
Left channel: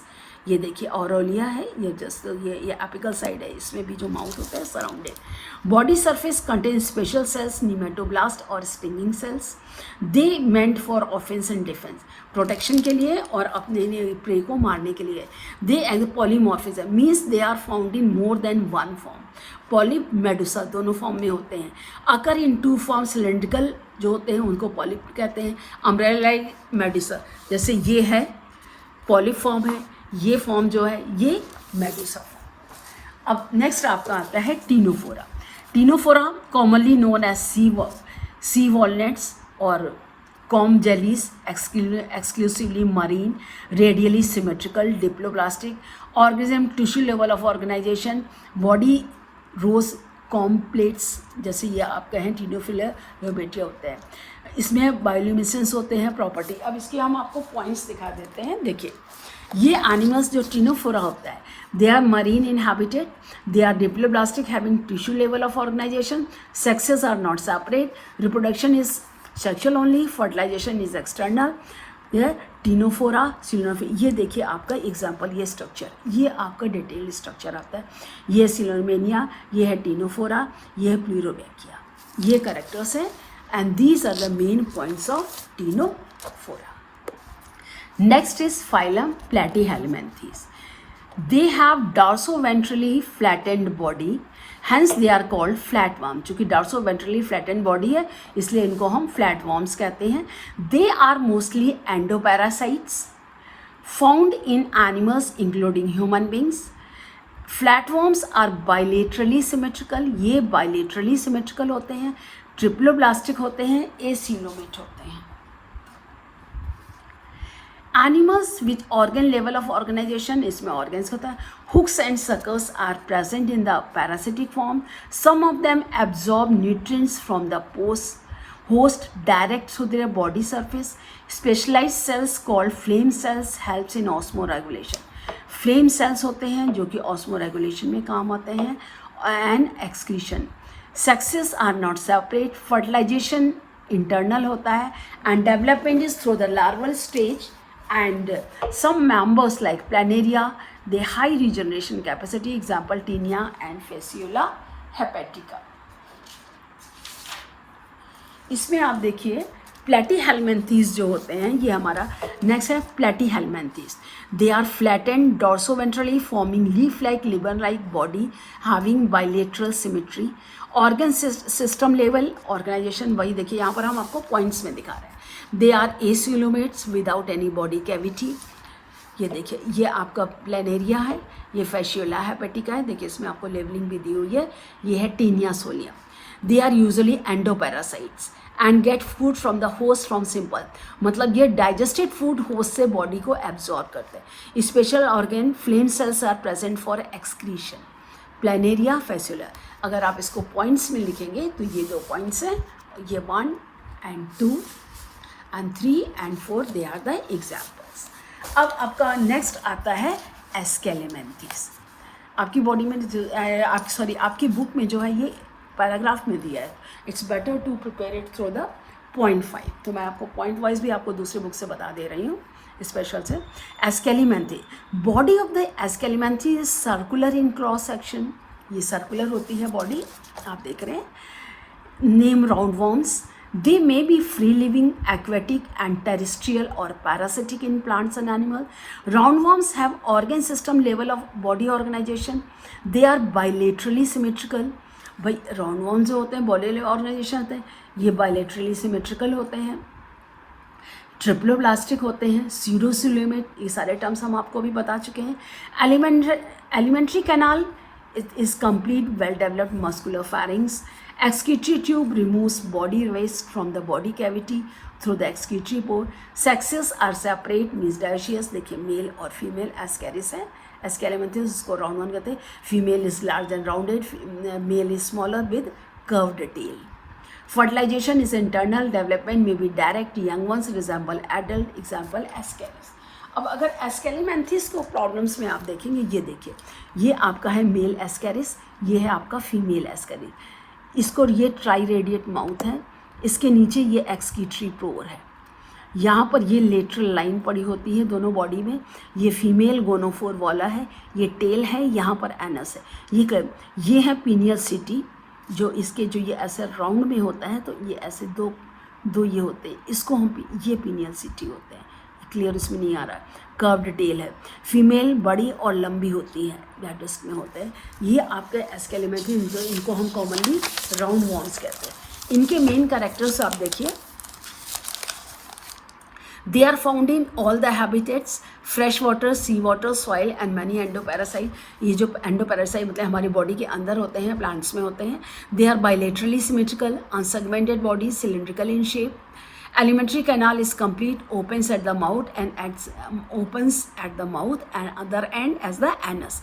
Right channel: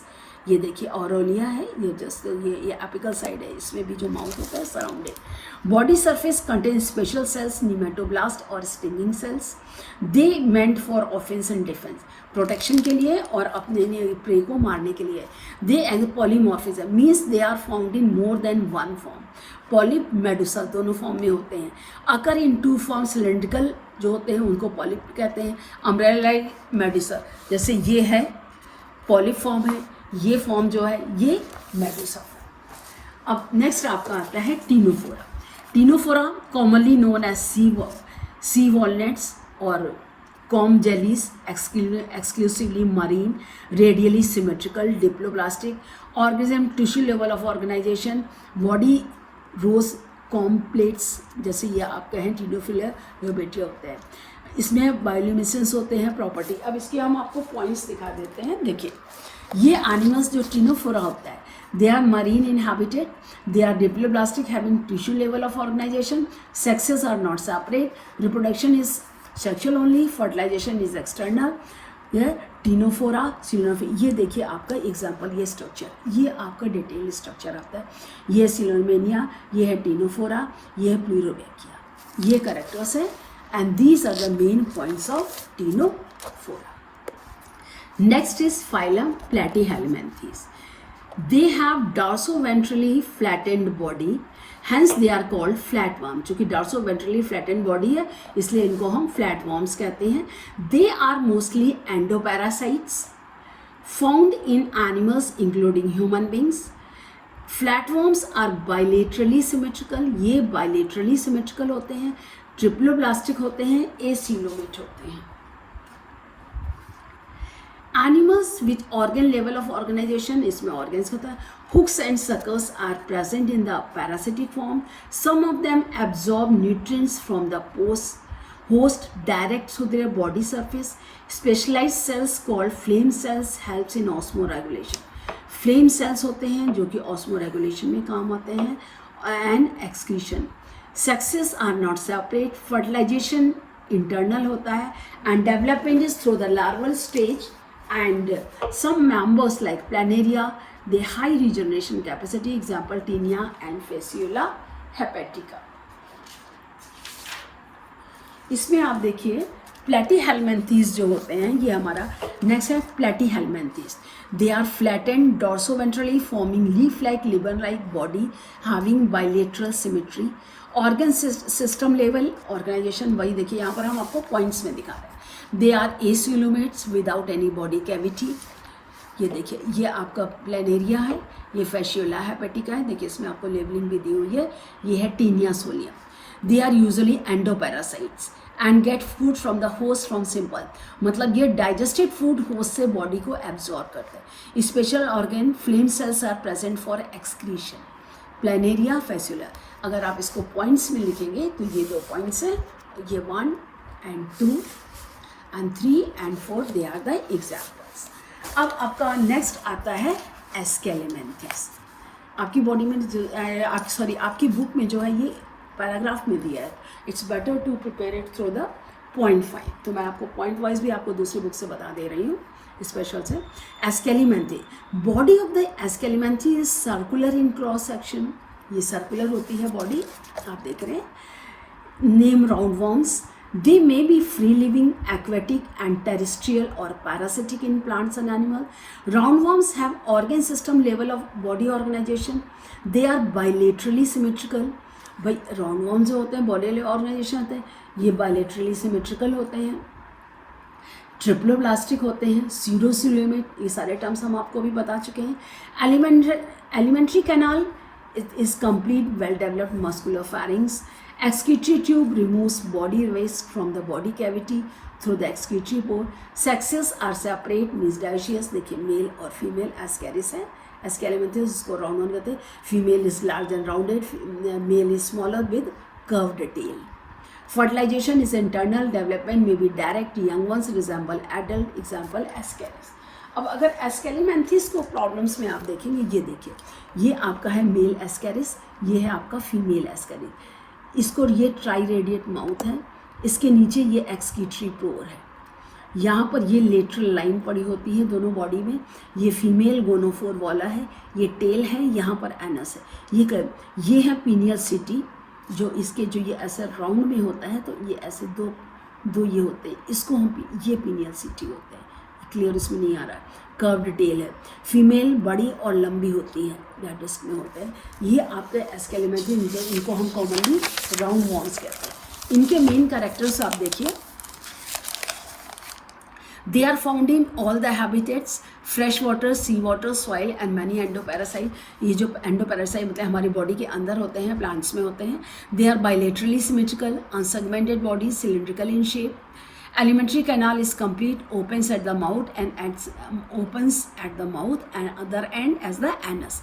ये देखिए ऑरोलिया है, ये just ये apical side है, इसमें भी जो माउथ होता है surrounded. Body surface contain special cells, nematoblast और stinging cells. They meant for offence and defence, protection के लिए और अपने प्रे को मारने के लिए। They and polymorphism means they are found in more than one form, polyp medusa दोनों फॉर्म में होते हैं। Occur in two form, cylindrical जो होते हैं उनको पॉलिप कहते हैं, अम्ब्रेला मेडुसा, जैसे ये है पॉलिप फॉर्म है, ये फॉर्म जो है ये मेडुसा। अब नेक्स्ट आपका आता है Ctenophora. Ctenophora commonly known as sea walnuts और comb jellies, exclusively marine, radially symmetrical, diploblastic organism, tissue level of organisation, body rows comb plates, जैसे ये आप कहें टीनोफिलर रोबेटिया होता है। इसमें बायोल्यूमिनेसेंस होते हैं प्रॉपर्टी। अब इसके हम आपको पॉइंट्स दिखा देते हैं। देखिए ये एनिमल्स जो टिनोफोरा होता है, they are marine inhabited, they are diploblastic having tissue level of organization, sexes are not separate, reproduction is sexual only, fertilization is external। यह टिनोफोरा सिलोमेनिया, ये देखिए आपका एग्जांपल, ये स्ट्रक्चर, ये आपका डिटेल स्ट्रक्चर आता है। ये सिलोमेनिया, ये है टिनोफोरा, ये है प्लूरोडेकिया, ये कैरेक्टर्स हैं and these are the main points of Ctenophora. Next is phylum Platyhelminthes. They have dorsoventrally flattened body, hence they are called flatworm। चूँकि dorsoventrally flattened body है इसलिए इनको हम flatworms कहते हैं। They are mostly endoparasites found in animals including human beings। Flatworms are bilaterally symmetrical, ये bilaterally symmetrical होते हैं, triploblastic होते हैं, acoelomate होते हैं। Animals with organ level of organization, इसमें organs होता है। Hooks and suckers are present in the parasitic form. Some of them absorb nutrients from the host direct through their body surface. Specialized cells called flame cells helps in osmoregulation. Flame cells होते हैं जो कि osmoregulation में काम आते हैं and excretion. Sexes are not separate. Fertilization internal होता है and development is through the larval stage. And some members like planaria, they high regeneration capacity, example tinea and fasciula hepatica। इसमें आप देखिए प्लैटीहेलमिन्थेस जो होते हैं, ये हमारा नेक्स्ट है Platyhelminthes. They are flattened dorsoventrally forming leaf like liver like body having bilateral symmetry. Organ system level organisation वही देखिए यहाँ पर हम आपको पॉइंट्स में दिखा रहे हैं। They are acoelomates without any body cavity. ये देखिए ये आपका प्लेनेरिया है, ये फैशियोला हेपेटिका है, देखिए इसमें आपको लेबलिंग भी दी हुई है। ये है Taenia solium. They are usually endoparasites and get food from the host from simple, मतलब ये डाइजेस्टेड फूड होस्ट से बॉडी को एब्जॉर्ब करते हैं। Special organ flame cells are present for excretion. Planaria Fasciola, अगर आप इसको पॉइंट्स में लिखेंगे तो ये दो पॉइंट्स हैं, ये 1 and 2 and 3 and 4 they are the examples। अब आपका नेक्स्ट आता है एस्केलेमेंथिस। आपकी बॉडी में आपकी बुक में जो है ये पैराग्राफ में दिया है, it's better to prepare it through the point 5। तो मैं आपको पॉइंट वाइज भी आपको दूसरी बुक से बता दे रही हूँ स्पेशल से। Aschelminthes, body of the Aschelminthes is circular in cross section, ये सर्कुलर होती है बॉडी, आप देख रहे हैं। Name roundworms, they may be free living, aquatic and terrestrial or parasitic in plants and animals। Roundworms have organ system level of body organization, they are bilaterally symmetrical। भाई roundworm जो होते हैं बॉडी ऑर्गेनाइजेशन होते हैं, ये bilaterally symmetrical होते हैं, triploblastic होते हैं, सीडोसिलोमेट, ये सारे टर्म्स हम आपको भी बता चुके हैं। Alimentary canal is complete well developed muscular pharynx. Excretory tube removes body waste from the body cavity through the excretory pore। Sexes are separate, means dioecious। देखिए मेल और फीमेल एस्केरिस है, एस्केलेमेंथिस जिसको राउंड वन कहते हैं। Female is large and rounded, male is smaller with curved tail. Fertilization is internal, development may be direct, young ones resemble adult, example Ascaris. अब अगर एस्केलेमेंथिस को problems में आप देखेंगे, ये देखिए ये आपका है मेल एस्केरिस, ये है आपका फीमेल एस्केरिस। इसको ये ट्राई रेडिएट माउथ है, इसके नीचे ये एक्सक्रीटरी पोर है, यहाँ पर ये लेटरल लाइन पड़ी होती है दोनों बॉडी में। ये फीमेल गोनोफोर वाला है, ये टेल है, यहाँ पर एनस है। ये है पीनियल सिटी, जो इसके जो ये ऐसे राउंड में होता है, तो ये ऐसे दो ये होते हैं, इसको हम ये पीनियल सिटी होते हैं। क्लियर इसमें नहीं आ रहा है। कर्व्ड टेल है, फीमेल बड़ी और लंबी होती है, लैटिस में होते हैं। ये आपके एस्केलेमेंथिस, इनको हम कॉमनली राउंड वॉर्म्स कहते हैं। इनके मेन कैरेक्टर्स आप देखिए, they are found in all the habitats, fresh water, sea water, soil and many endoparasite. ये जो एंडोपैरासाइट मतलब हमारी बॉडी के अंदर होते हैं, प्लांट्स में होते हैं। They are bilaterally symmetrical, unsegmented body, cylindrical in shape. Alimentary canal is complete, opens at the mouth and other end as the anus।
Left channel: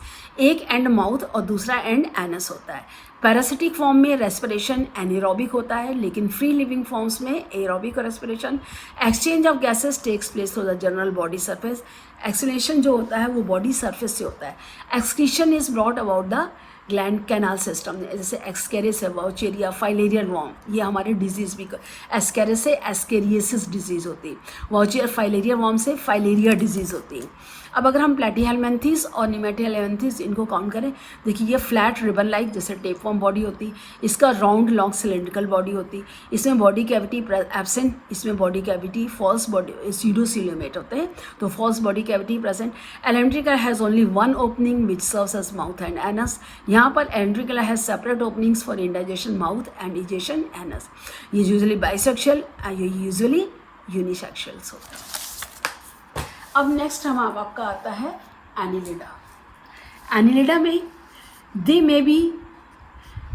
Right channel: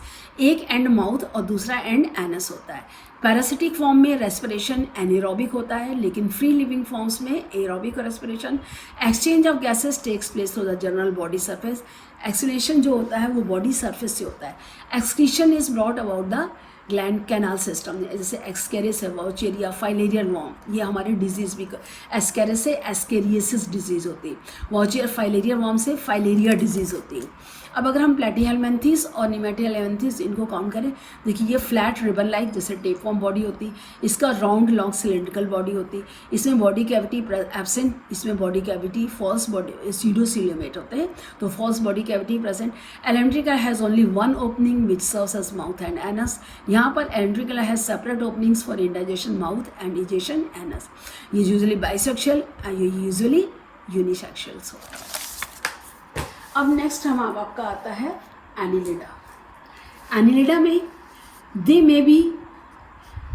एक एंड माउथ और दूसरा एंड एनस होता है। पैरासिटिक फॉर्म में रेस्पिरेशन एनारोबिक होता है, लेकिन free living forms में aerobic respiration. Exchange of gases takes place through the general body surface. Excretion जो होता है वो बॉडी सरफेस से होता है। Excretion is brought about the gland canal system, जैसे एक्सकेरिस है, वाउचेरिया, फाइलेरियन वॉर्म, ये हमारे डिजीज भी एस्केरिस से एस्केरियसिस डिजीज होती है, वाउचेरिया फाइलेरिया वॉर्म से फाइलेरिया डिजीज होती है। अब अगर हम प्लेटीहेलमिन्थेस और निमेटीहेलमिन्थेस इनको काउंट करें, देखिए ये फ्लैट रिबन लाइक जैसे टेप फॉर्म बॉडी होती है, इसका राउंड लॉन्ग सिलेंड्रिकल बॉडी होती है, इसमें बॉडी कैविटी एब्सेंट, इसमें body cavity false body pseudocoelomate होते हैं, तो false body cavity present. Alimentary canal has only one opening which serves as mouth and anus. यहाँ पर alimentary canal has separate openings for ingestion mouth and egestion anus. ये usually bisexual and ये usually unisexuals होता है। अब नेक्स्ट हम आपका आता है एनिलिडा। एनिलिडा में they may be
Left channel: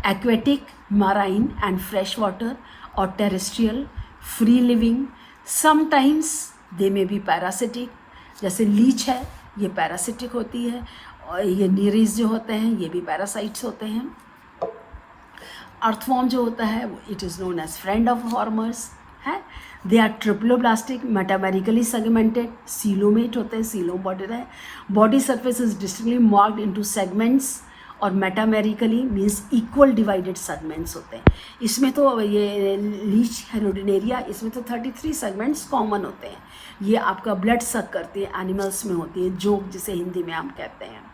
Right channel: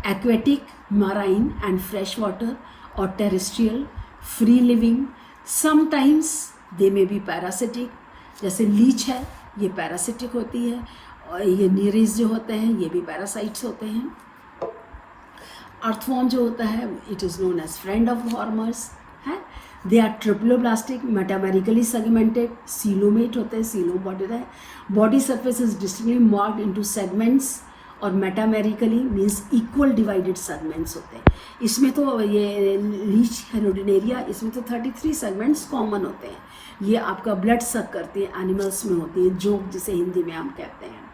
aquatic, marine and fresh water और terrestrial, free living. Sometimes they may be parasitic, जैसे लीच है ये पैरासिटिक होती है, और ये नीरीज जो होते हैं ये भी पैरासाइट्स होते हैं। अर्थवॉर्म जो होता है it is known as friend of farmers है। They are triploblastic, metamerically segmented, coelomate होते हैं, सीलो बॉडी है। Body surface is distinctly marked into segments, और metamerically means equal divided segments होते हैं। इसमें तो ये लीच हेरोडिनेरिया, इसमें तो 33 सेगमेंट्स कॉमन होते हैं। ये आपका ब्लड सक करती है, एनिमल्स में होती है, जोक जिसे हिंदी में हम कहते हैं।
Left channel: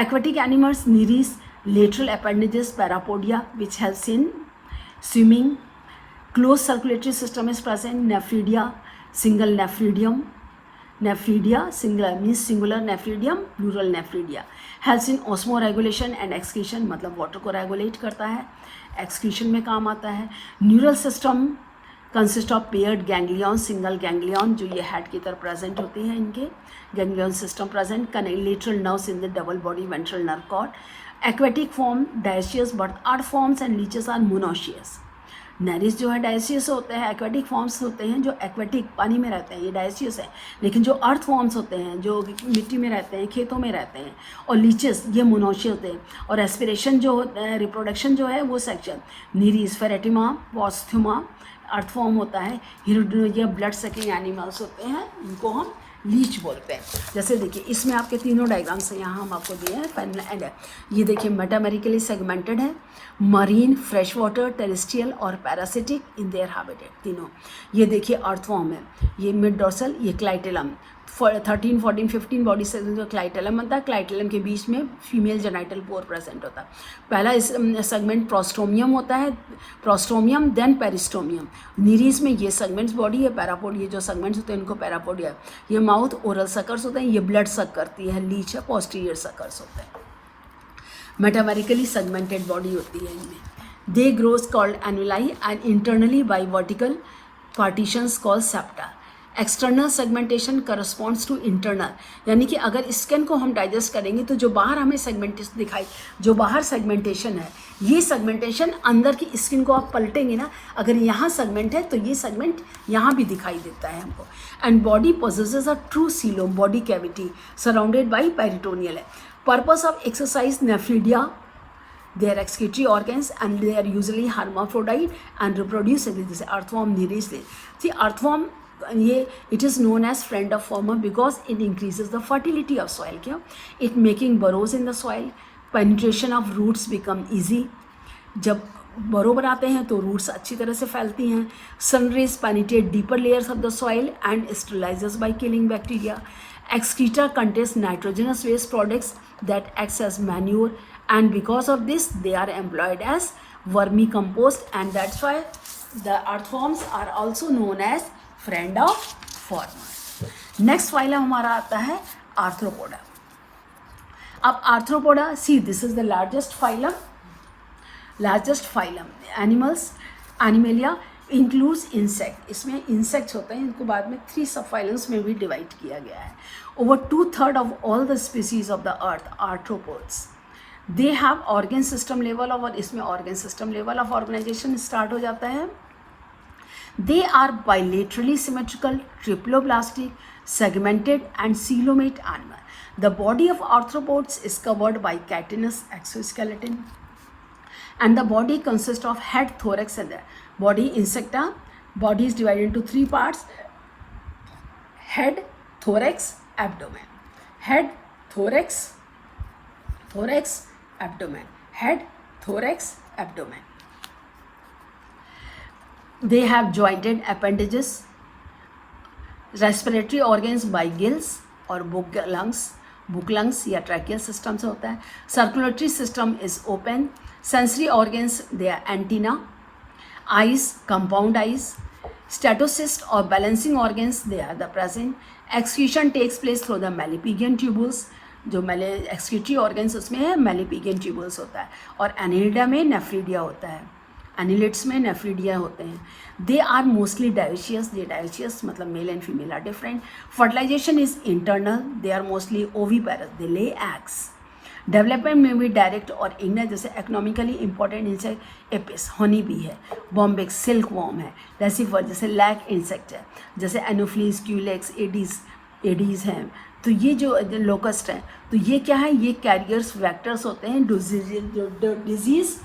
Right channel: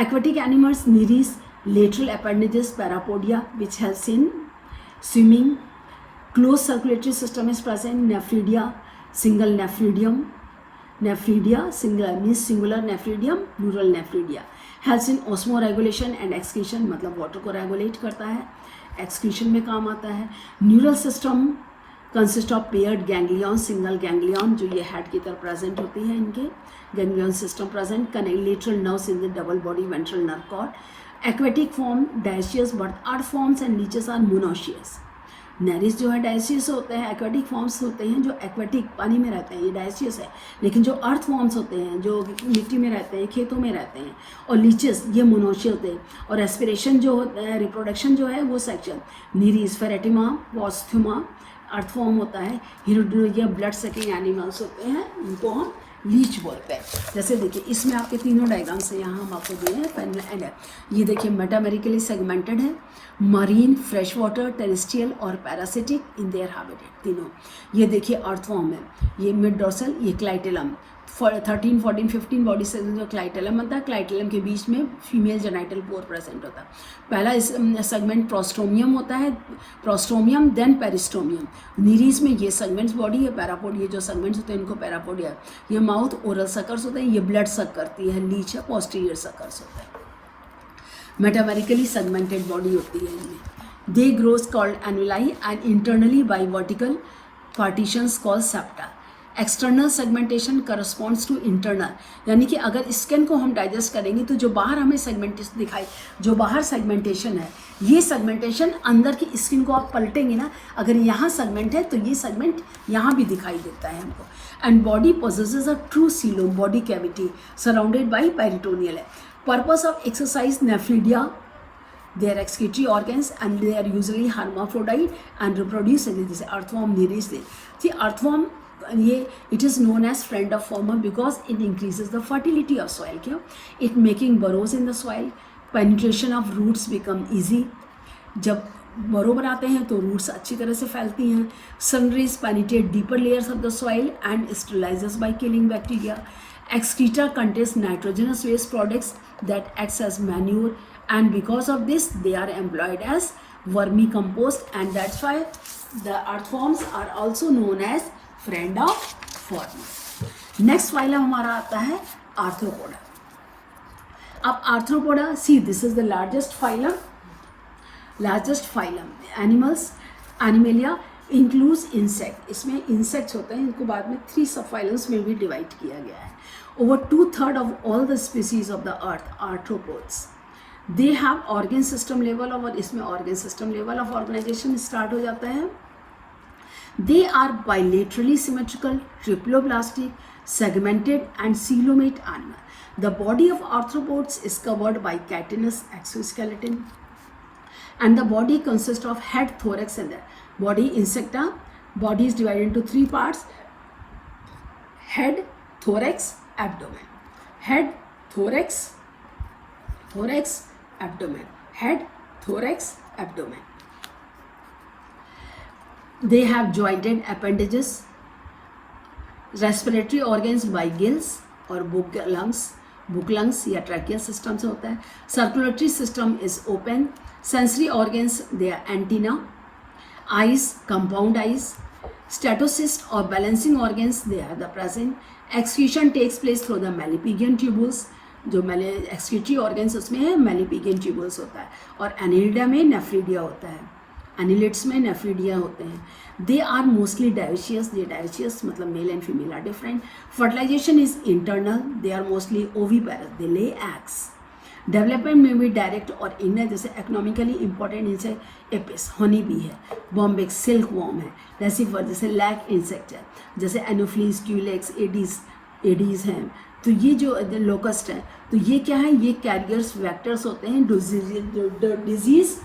Aquatic animals Nereis, lateral appendages, parapodia which helps in swimming. Closed circulatory system is present. Nephridia, single nephridium. Nephridia, single means singular nephridium, plural nephridia. Helps in osmoregulation and excretion, मतलब water को regulate करता है, excretion में काम आता है। Neural system consist of paired ganglion, single ganglion जो ये हेड की तरफ प्रेजेंट होते हैं, इनके ganglion system present. Collateral nerves in the double body ventral nerve cord. Aquatic form dioecious, but earth forms and leeches are monoecious. Nereis जो है dioecious होते हैं, एक्वेटिक फॉर्म्स होते हैं जो एक्वेटिक पानी में रहते हैं, ये डायसियस है। लेकिन जो अर्थ फॉर्म्स होते हैं जो मिट्टी में रहते हैं, खेतों में रहते हैं, और लीचेस ये मोनोशियस होते हैं। और रेस्पिरेशन जो होता है, रिप्रोडक्शन जो है वो सेक्शन। नीरीज, फेरेटिमा, वॉस्थ्यूमा अर्थ फॉर्म होता है। हिरोडिनिया ब्लड सकिंग एनिमल्स होते हैं, इनको हम लीच बोलते हैं। जैसे देखिए इसमें आपके तीनों डायग्राम्स हैं, यहाँ हम आपको दिए हैं। ये देखिए मेटामेरिकली सेगमेंटेड है, मरीन, फ्रेश वाटर, टेरेस्ट्रियल और पैरासिटिक इन देयर हैबिटेट तीनों। ये देखिए अर्थवॉर्म है, ये मिड डॉर्सल, ये क्लाइटेलम। 13, 14, 15 बॉडी से जो क्लाइटेलम होता है, क्लाइटेलम के बीच में फीमेल जेनाइटल पोर प्रेजेंट होता है। पहला इस सेगमेंट प्रोस्टोमियम होता है, प्रोस्टोमियम देन पेरिस्टोमियम। नीरीज में ये सेगमेंट्स बॉडी है, पैरापोड ये जो सेगमेंट्स होते हैं इनको पैरापोडिया। ये माउथ, ओरल सकर्स होते हैं, ये ब्लड सक करती है, लीच है, पोस्टीरियर सकर्स होते हैं। मेटामेरिकली सेगमेंटेड बॉडी होती है इनमें। They grows called annuli and internally by vertical partitions called septa. External segmentation corresponds to internal, यानी कि अगर स्किन को हम डाइजेस्ट करेंगे तो जो बाहर हमें सेगमेंटेशन दिखाई, जो बाहर सेगमेंटेशन है, ये सेगमेंटेशन अंदर की स्किन को आप पलटेंगे ना, अगर यहाँ सेगमेंट है तो ये सेगमेंट यहाँ भी दिखाई देता है हमको। And body possesses a true coelom, body cavity surrounded by peritoneal है। Purpose of exercise, nephridia, they are excretory organs and they are usually hermaphrodite and reproduce in this earthworm nereis. See earthworm ये it is known as friend of farmer because it increases the fertility of soil. क्यों? It making burrows in the soil, penetration of roots become easy. जब बरो बनाते हैं तो roots अच्छी तरह से फैलती हैं। Sunrays penetrate deeper layers of the soil and sterilises by killing bacteria. Excreta contains nitrogenous waste products that acts as manure, and because of this they are employed as vermicompost, and that's why the earthworms are also known as friend of farmer. Next phylum हमारा आता है Arthropoda. अब Arthropoda, see this is the largest phylum animals. Animalia includes insect, इसमें insects होते हैं, इनको बाद में 3 subphylums में भी डिवाइड किया गया है। Over 2/3 of all the species of the earth are arthropods. They have organ system level, और इसमें organ system level of organization start हो जाता है। They are bilaterally symmetrical, triploblastic, segmented and coelomate animal. The body of arthropods is covered by chitinous exoskeleton. And the body consists of head, thorax and the body. Insecta, body is divided into three parts: head, thorax, abdomen. Head, thorax, abdomen. Head, thorax, abdomen. They have jointed appendages, respiratory organs by gills और book lungs या tracheal system से होता है. Circulatory system is open. Sensory organs, they are antenna. Eyes, compound eyes. Statocyst or balancing organs, they are the present. Excretion takes place through the Malpighian tubules. जो excretory organs उसमें है Malpighian tubules होता है. और annelida में nephridia होता है. Annelids में nephridia होते हैं. They are mostly dioecious. ये dioecious मतलब male and female are different. Fertilization is internal. They are mostly oviparous. They lay eggs. Development may be direct और indirect. जैसे economically important insect apis, honey bee है, bombyx silkworm है, receiver जैसे lag insect है, जैसे anopheles, culex, aedes हैं. तो ये जो locust है, तो ये क्या है, ये कैरियर्स वेक्टर्स होते हैं, डिजीज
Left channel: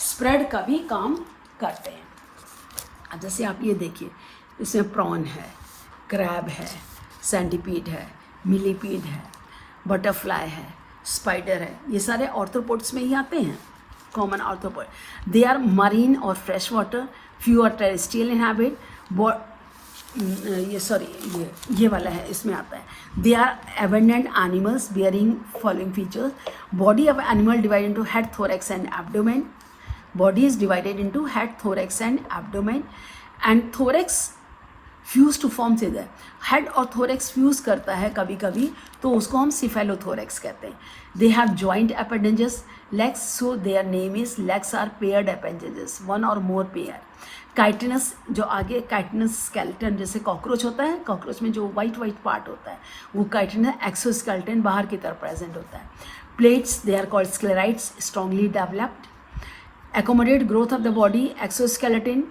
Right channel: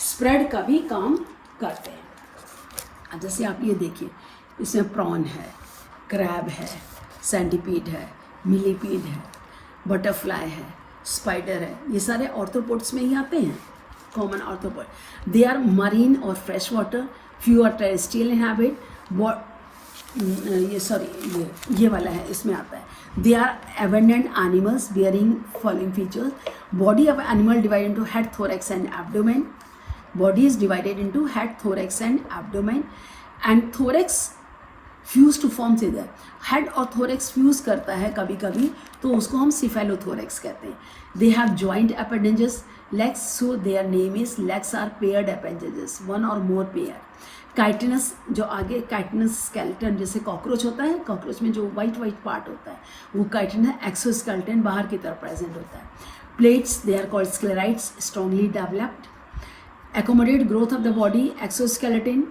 स्प्रेड का भी काम करते हैं. जैसे आप ये देखिए, इसमें प्रॉन है, क्रैब है, सेंटीपीड है, मिलीपीड है, बटरफ्लाई है, स्पाइडर है. ये सारे ऑर्थोपोड्स में ही आते हैं, common arthropod. They are marine और fresh water. Few are terrestrial inhabit. ये वाला है, इसमें आता है. They are abundant animals bearing following features. Body of animal divided into head, thorax and abdomen. Body is divided into head, thorax and abdomen. And thorax fuse to form इधर. Head और thorax fuse करता है कभी कभी, तो उसको हम cephalothorax कहते हैं. They have joint appendages, legs, so their name is legs are paired appendages, one or more pair. Chitinous, जो आगे काइटिनस स्केलेटन, जैसे कॉकरोच होता है, कॉकरोच में जो वाइट पार्ट होता है वो काइटिनस एक्सोस्केलेटन बाहर की तरफ प्रेजेंट होता है. Plates, they are called sclerites, strongly developed. accommodate growth of the body. Exoskeleton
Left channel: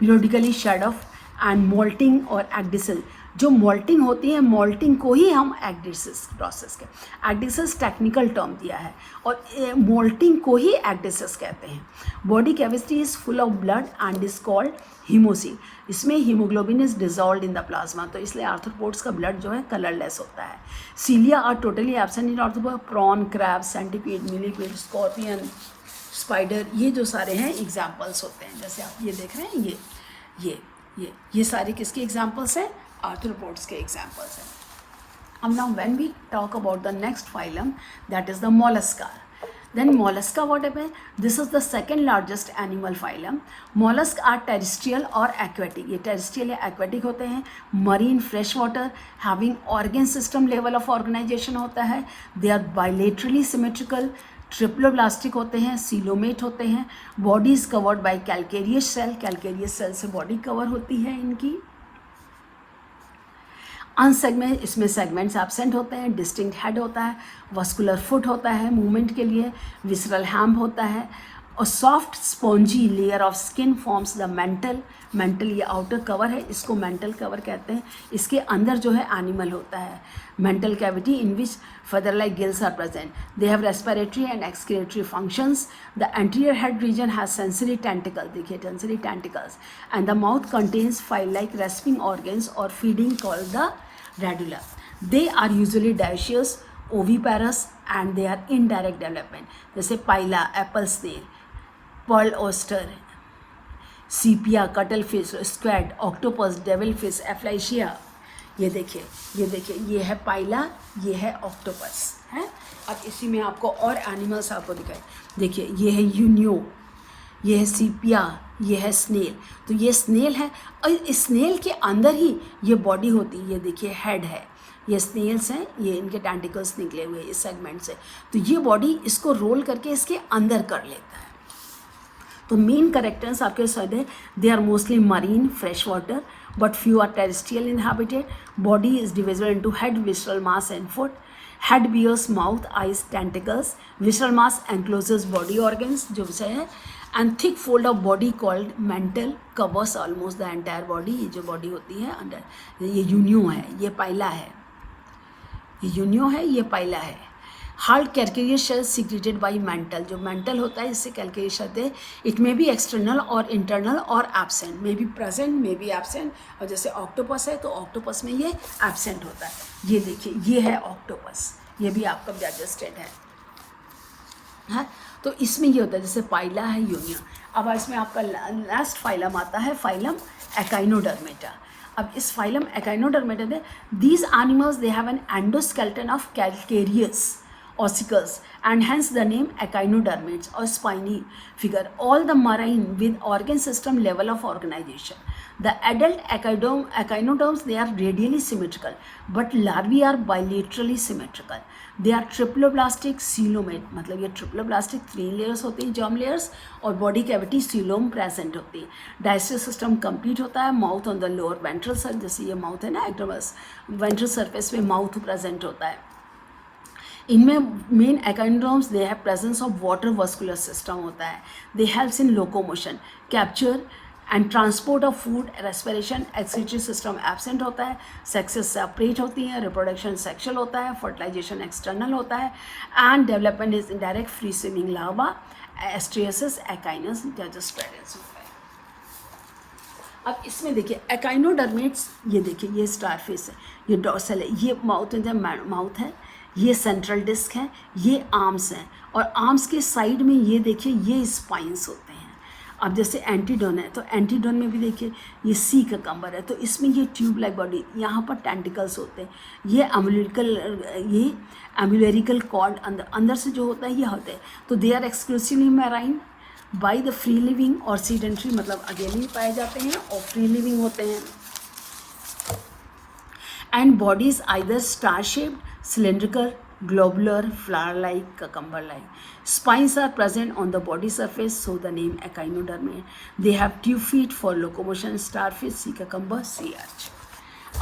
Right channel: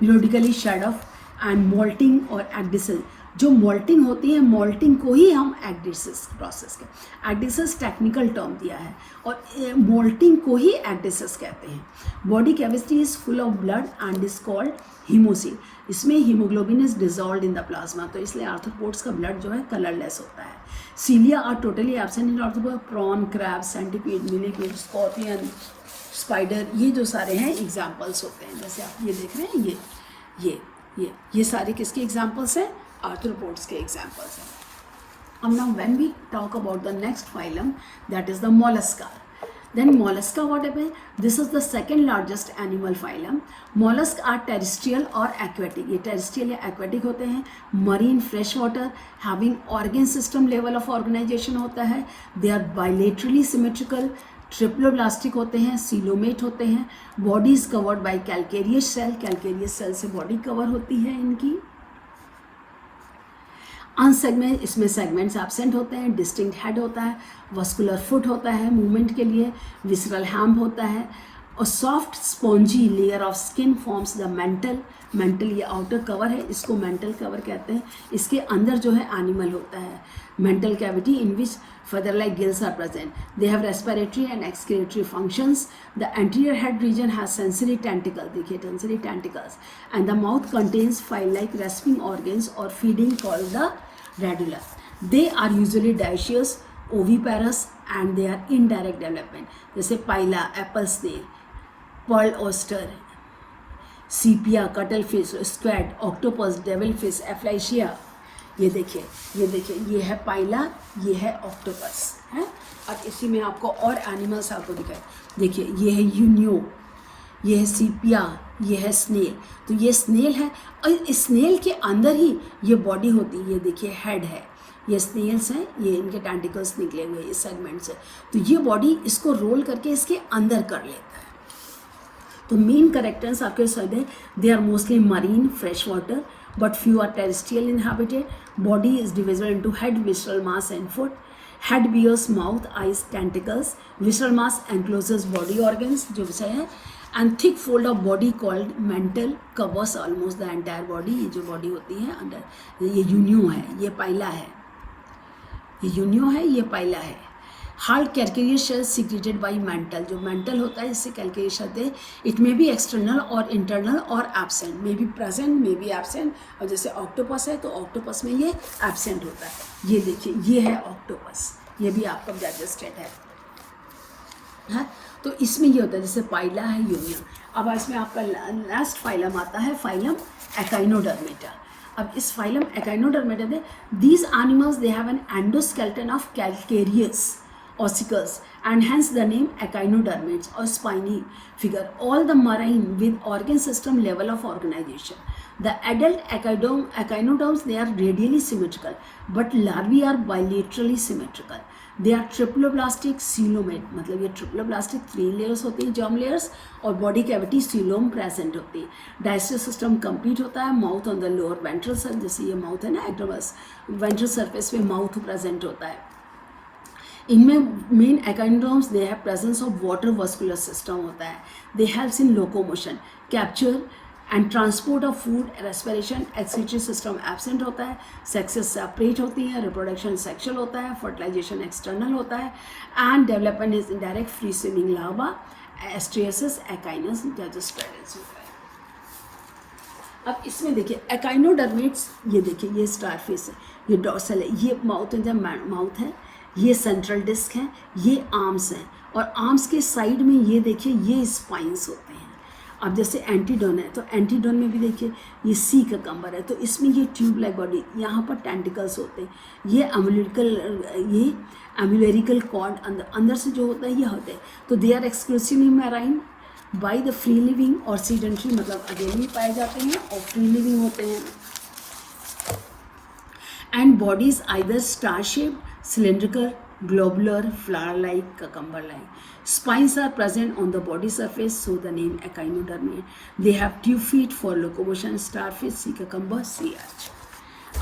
periodically shed off. And molting और एक्डिसल, जो मोल्टिंग होती है, मोल्टिंग को ही हम एक्डिसिस प्रोसेस के, एक्डिसिस टेक्निकल टर्म दिया है, और मोल्टिंग को ही एक्डिसिस कहते हैं. Body cavity is full of blood and is called हीमोसिन. इसमें haemoglobin is dissolve in the plasma, तो इसलिए आर्थ्रोपोड्स का ब्लड जो है कलरलेस होता है. Cilia are totally absent in arthropod. Prawn, crab, centipede, millipede, scorpion, spider, ये जो सारे हैं एग्जाम्पल्स होते हैं. जैसे आप ये देख रहे हैं, ये सारे किसके एग्जाम्पल्स हैं? आर्थ्रोपोड्स के एग्जाम्पल्स हैं. अब now when we talk about the next phylum, that is the Mollusca. Then mollusca, what happen? This is the second largest animal phylum. Mollusks are terrestrial or aquatic. ये terrestrial या aquatic होते हैं. Marine, fresh water, having organ system level of organization होता है. They are bilaterally symmetrical. Triploblastic होते हैं, coelomate होते हैं. Body is covered by calcareous shell. Calcareous shell से बॉडी कवर होती है इनकी. अनसेगमेंट, इसमें सेगमेंट्स एब्सेंट होते हैं. डिस्टिंक्ट हेड होता है. वस्कुलर फुट होता है मूवमेंट के लिए. विसरल हैम होता है. और soft spongy layer of skin forms the mental ये आउटर कवर है, इसको मेंटल कवर कहते हैं. इसके अंदर जो है एनिमल होता है. Mantle cavity in which feather-like gills are present. They have respiratory and excretory functions. The anterior head region has sensory tentacles. देखिए sensory tentacles. And the mouth contains file-like rasping organs or feeding called the radula. They are usually dioecious, oviparous, and they are in direct development. जैसे पाइला, apple snail, pearl oyster, sepia, cuttlefish, squid, octopus, devilfish, aplysia. ये देखिए, ये है पाइला, ये है octopus है. अब इसी में आपको और एनिमल्स आपको दिखाए. देखिए, ये है यूनियो, ये है सीपिया, ये है स्नेल. तो ये स्नेल है, और इस स्नेल के अंदर ही ये बॉडी होती है. ये देखिए हेड है, ये स्नेल्स हैं, ये इनके टेंटिकल्स निकले हुए इस सेगमेंट से. तो ये बॉडी इसको रोल करके इसके अंदर कर लेता है. तो मेन कैरेक्टर्स आपके साथ है. They are mostly marine, fresh water, but few are terrestrial inhabited. Body is divisible into head, visceral mass and foot. Head bears mouth, eyes, tentacles. Visceral mass encloses body organs, जो विषय है. And thick fold of body called mantle covers almost the entire body. ये जो body होती है अंदर, ये Unio है, ये पाइला है. ये यूनियो है, ये पाइला है. Hard calcareous shell secreted by mantle, जो मेंटल होता है इससे कैल्कुलेस होते हैं. इट मे बी एक्सटर्नल और इंटरनल और absent, may be present may be absent. और जैसे ऑक्टोपस है तो ऑक्टोपस में ये एब्सेंट होता है. ये देखिए ये है ऑक्टोपस, ये भी आपका डाइजेस्टेड है. तो इसमें ये होता है जैसे पाइला है यूनियन. अब इसमें आपका लास्ट फाइलम आता है फाइलम एकाइनोडर्मेटा. अब इस फाइलम एकाइनोडर्मेटा में these animals they have an endoskeleton of calcareous ossicles and hence the name echinodermates or spiny figure. All the marine with organ system level of organization. The adult echinoderms they are radially symmetrical, but larvae are bilaterally symmetrical. They are triploblastic coelomate, मतलब ये triploblastic 3 layers होती हैं germ layers और body cavity coelom present होती है. Digestive system complete होता है. Mouth on the lower ventral surface, जैसे ये mouth है ना ectodermis, ventral surface में mouth present होता है. इनमें main echinoderms they have presence of water vascular system होता है. दे helps in locomotion, capture and transport of food, respiration. Excretory system absent होता है. सेक्सेस सेपरेट होती हैं. रिप्रोडक्शन सेक्शुअल होता है. फर्टिलाइजेशन एक्सटर्नल होता है. And development is indirect free swimming larva, Asterias, Echinus, डाइजेस्टेरिस होता है. अब इसमें देखिए एकाइनोडर्मेट्स, ये देखिए ये स्टारफिश है, ये डॉर्सल है, ये माउथ है, ये सेंट्रल डिस्क है, ये आर्म्स हैं और आर्म्स के साइड में ये देखिए ये स्पाइंस होते हैं. अब जैसे एंटीडोन है तो एंटीडोन में भी देखिए ये सी का कम्बर है तो इसमें ये ट्यूब लाइक बॉडी, यहाँ पर टेंटिकल्स होते हैं. ये एम्यूलरिकल कॉर्ड अंदर से जो होता है ये होते हैं. तो they are exclusively marine by the free living और सीडेंट्री, मतलब अकेले पाए जाते हैं और फ्री लिविंग होते हैं. And bodies either star shaped, cylindrical, globular, flower-like, cucumber-like. Spines are present on the body surface, so the name echinodermate. They have 2 feet for locomotion. Starfish, sea cucumber, sea urchin.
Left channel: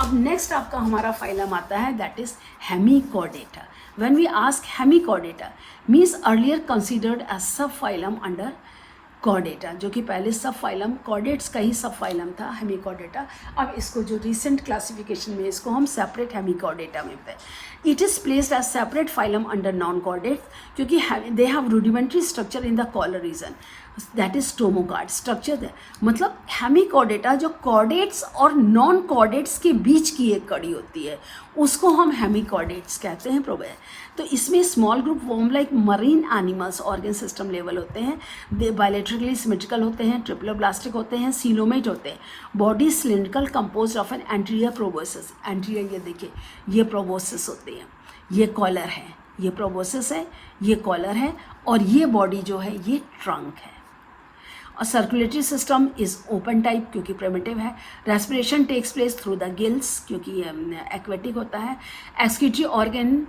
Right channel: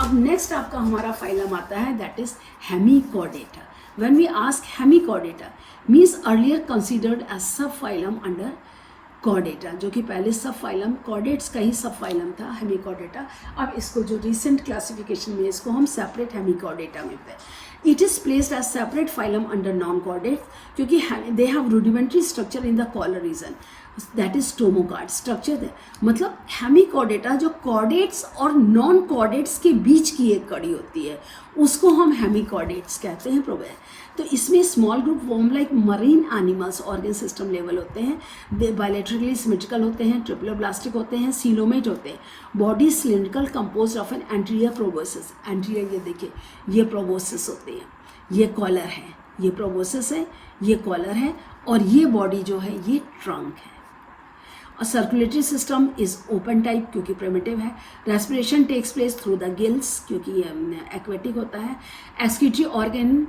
अब next आपका हमारा phylum आता है that is Hemichordata. When we ask Hemichordata means earlier considered as subphylum under Chordata, जो कि पहले सब phylum chordates का ही सब फाइलम था हेमिकॉर्डेटा. अब इसको जो रिसेंट क्लासिफिकेशन में इसको हम सेपरेट हेमिकॉर्डेटा में पे. It is placed as separate phylum under non chordate क्योंकि they have rudimentary structure in the collar region, that is stomochord structure है. मतलब हेमिकॉर्डेटा जो कॉर्डेट्स और नॉन कॉर्डेट्स के बीच की एक कड़ी होती है उसको हम हेमिकॉर्डेट्स कहते हैं. प्रोबेट तो इसमें small group worm like marine animals organ system level होते हैं. दे बायलेटरली सिमेट्रिकल होते हैं, ट्रिप्लोब्लास्टिक होते हैं, सीलोमेट होते हैं. Body cylindrical composed of an anterior proboscis. Anterior ये देखिए ये प्रोबोसिस होते हैं, ये कॉलर है, ये प्रोबोसिस है, ये कॉलर है और ये बॉडी जो है ये ट्रंक है. और circulatory system is open type क्योंकि प्रिमिटिव है. Respiration takes place through the gills क्योंकि ये एक्वेटिक होता है. एक्सक्रीटरी ऑर्गन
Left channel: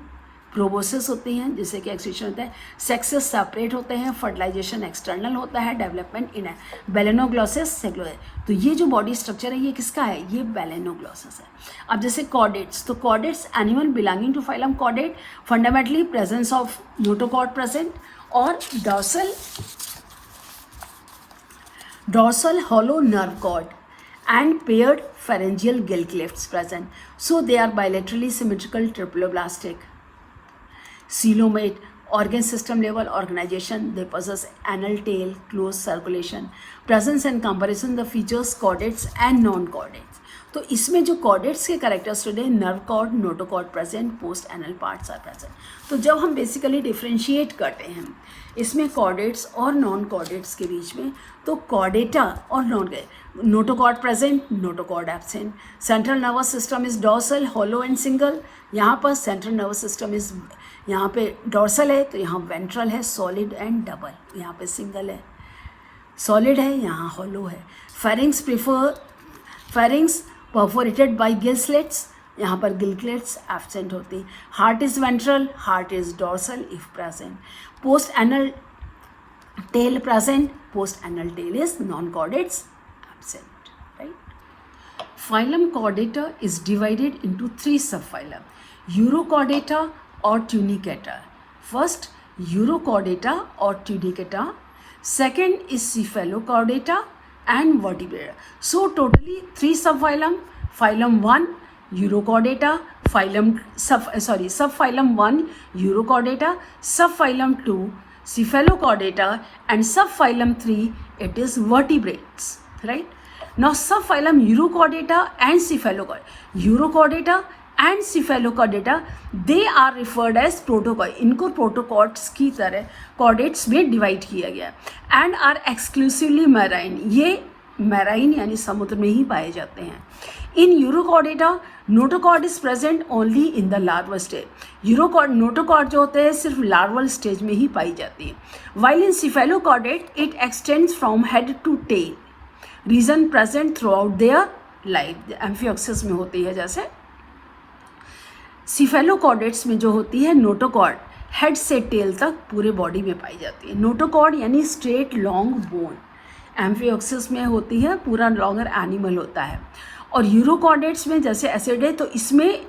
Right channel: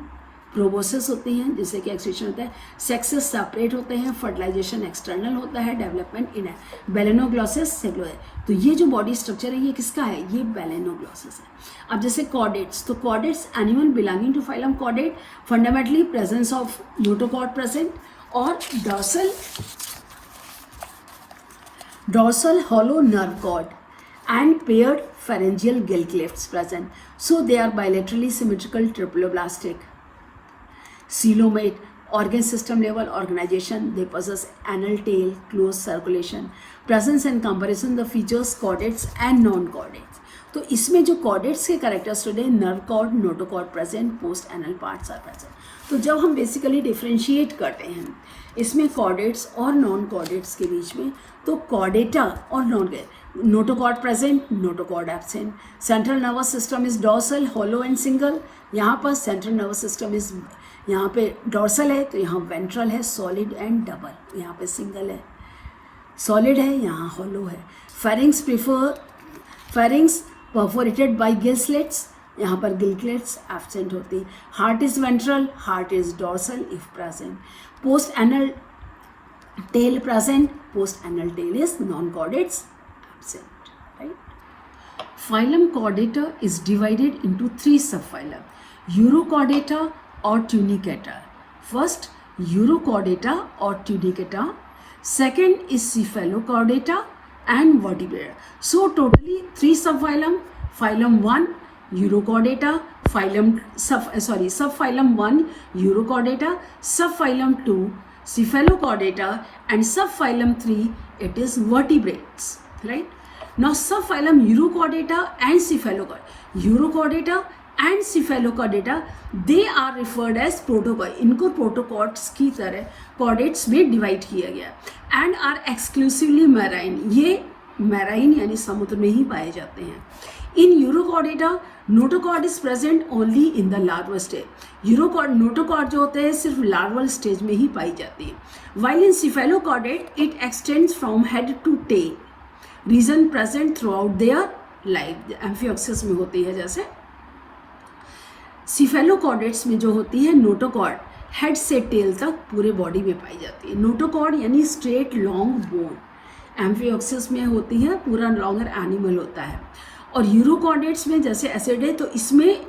प्रोबोसिस होती हैं जिससे कि एक्सक्रीशन होता है. सेक्सेस सेपरेट होते हैं. फर्टिलाइजेशन एक्सटर्नल होता है. डेवलपमेंट इन बेलेनोग्लॉसिस सेग्लोर. तो ये जो बॉडी स्ट्रक्चर है ये किसका है, ये बेलेनोग्लॉसिस है. अब जैसे कॉर्डेट्स, तो chordates animal belonging to phylum chordate, fundamentally presence of notochord present और dorsal hollow nerve cord and paired pharyngeal gill clefts present. So they are bilaterally symmetrical, triploblastic, coelomate, organ system level organization. They possess anal tail, closed circulation. Presence and comparison the features chordates and non-chordates. तो इसमें जो chordates के characteristic है nerve cord, notochord present, post anal parts are present. तो जब हम basically differentiate करते हैं इसमें कॉर्डेट्स और नॉन कॉर्डेट्स के बीच में, तो कॉर्डेटा और notochord present, notochord absent. Central nervous system is dorsal, hollow and single. यहाँ पर सेंट्रल नर्वस सिस्टम इज, यहाँ पे डॉर्सल है तो यहाँ वेंट्रल है, सॉलिड एंड डबल. यहाँ पे सिंगल है, सॉलिड है, यहाँ हॉलो है. Pharynx perforated bye gill slits, यहाँ पर गिलक्लेट्स एब्सेंट होती है. Heart is ventral, heart is dorsal if present. Post anal tail present, post anal tail is non-chordates absent, right? Phylum Chordata is divided into 3 subphylum: Urochordata or Tunicata. First, Urochordata or Tunicata. Second is Cephalochordata and Vertebrata. So totally 3 subphylum. Phylum 1 Urochordata, सब phylum 1 urochordata, सब phylum 2 cephalochordata, and subphylum 3 it is vertebrates, right? Now subphylum Urochordata and cephalochordata they are referred as protochord. इनको प्रोटोकॉर्ड्स की तरह chordates में divide किया गया and are exclusively marine. ये marine यानी समुद्र में ही पाए जाते हैं. In Urochordata, notochord is present only in the larval stage. Notochord जो होते हैं सिर्फ लार्वल स्टेज में ही पाई जाती है. While in cephalochordate, it extends from head to tail. Region present throughout their life. Amphioxus में होती है जैसे. cephalochordates में जो होती है नोटोकॉर्ड हेड से टेल तक पूरे बॉडी में पाई जाती है. नोटोकॉर्ड यानी स्ट्रेट लॉन्ग बोन. एम्फियोक्सिस में होती है पूरा लॉन्गर एनिमल होता है. और यूरोकॉर्डेट्स में जैसे एसिड है तो इसमें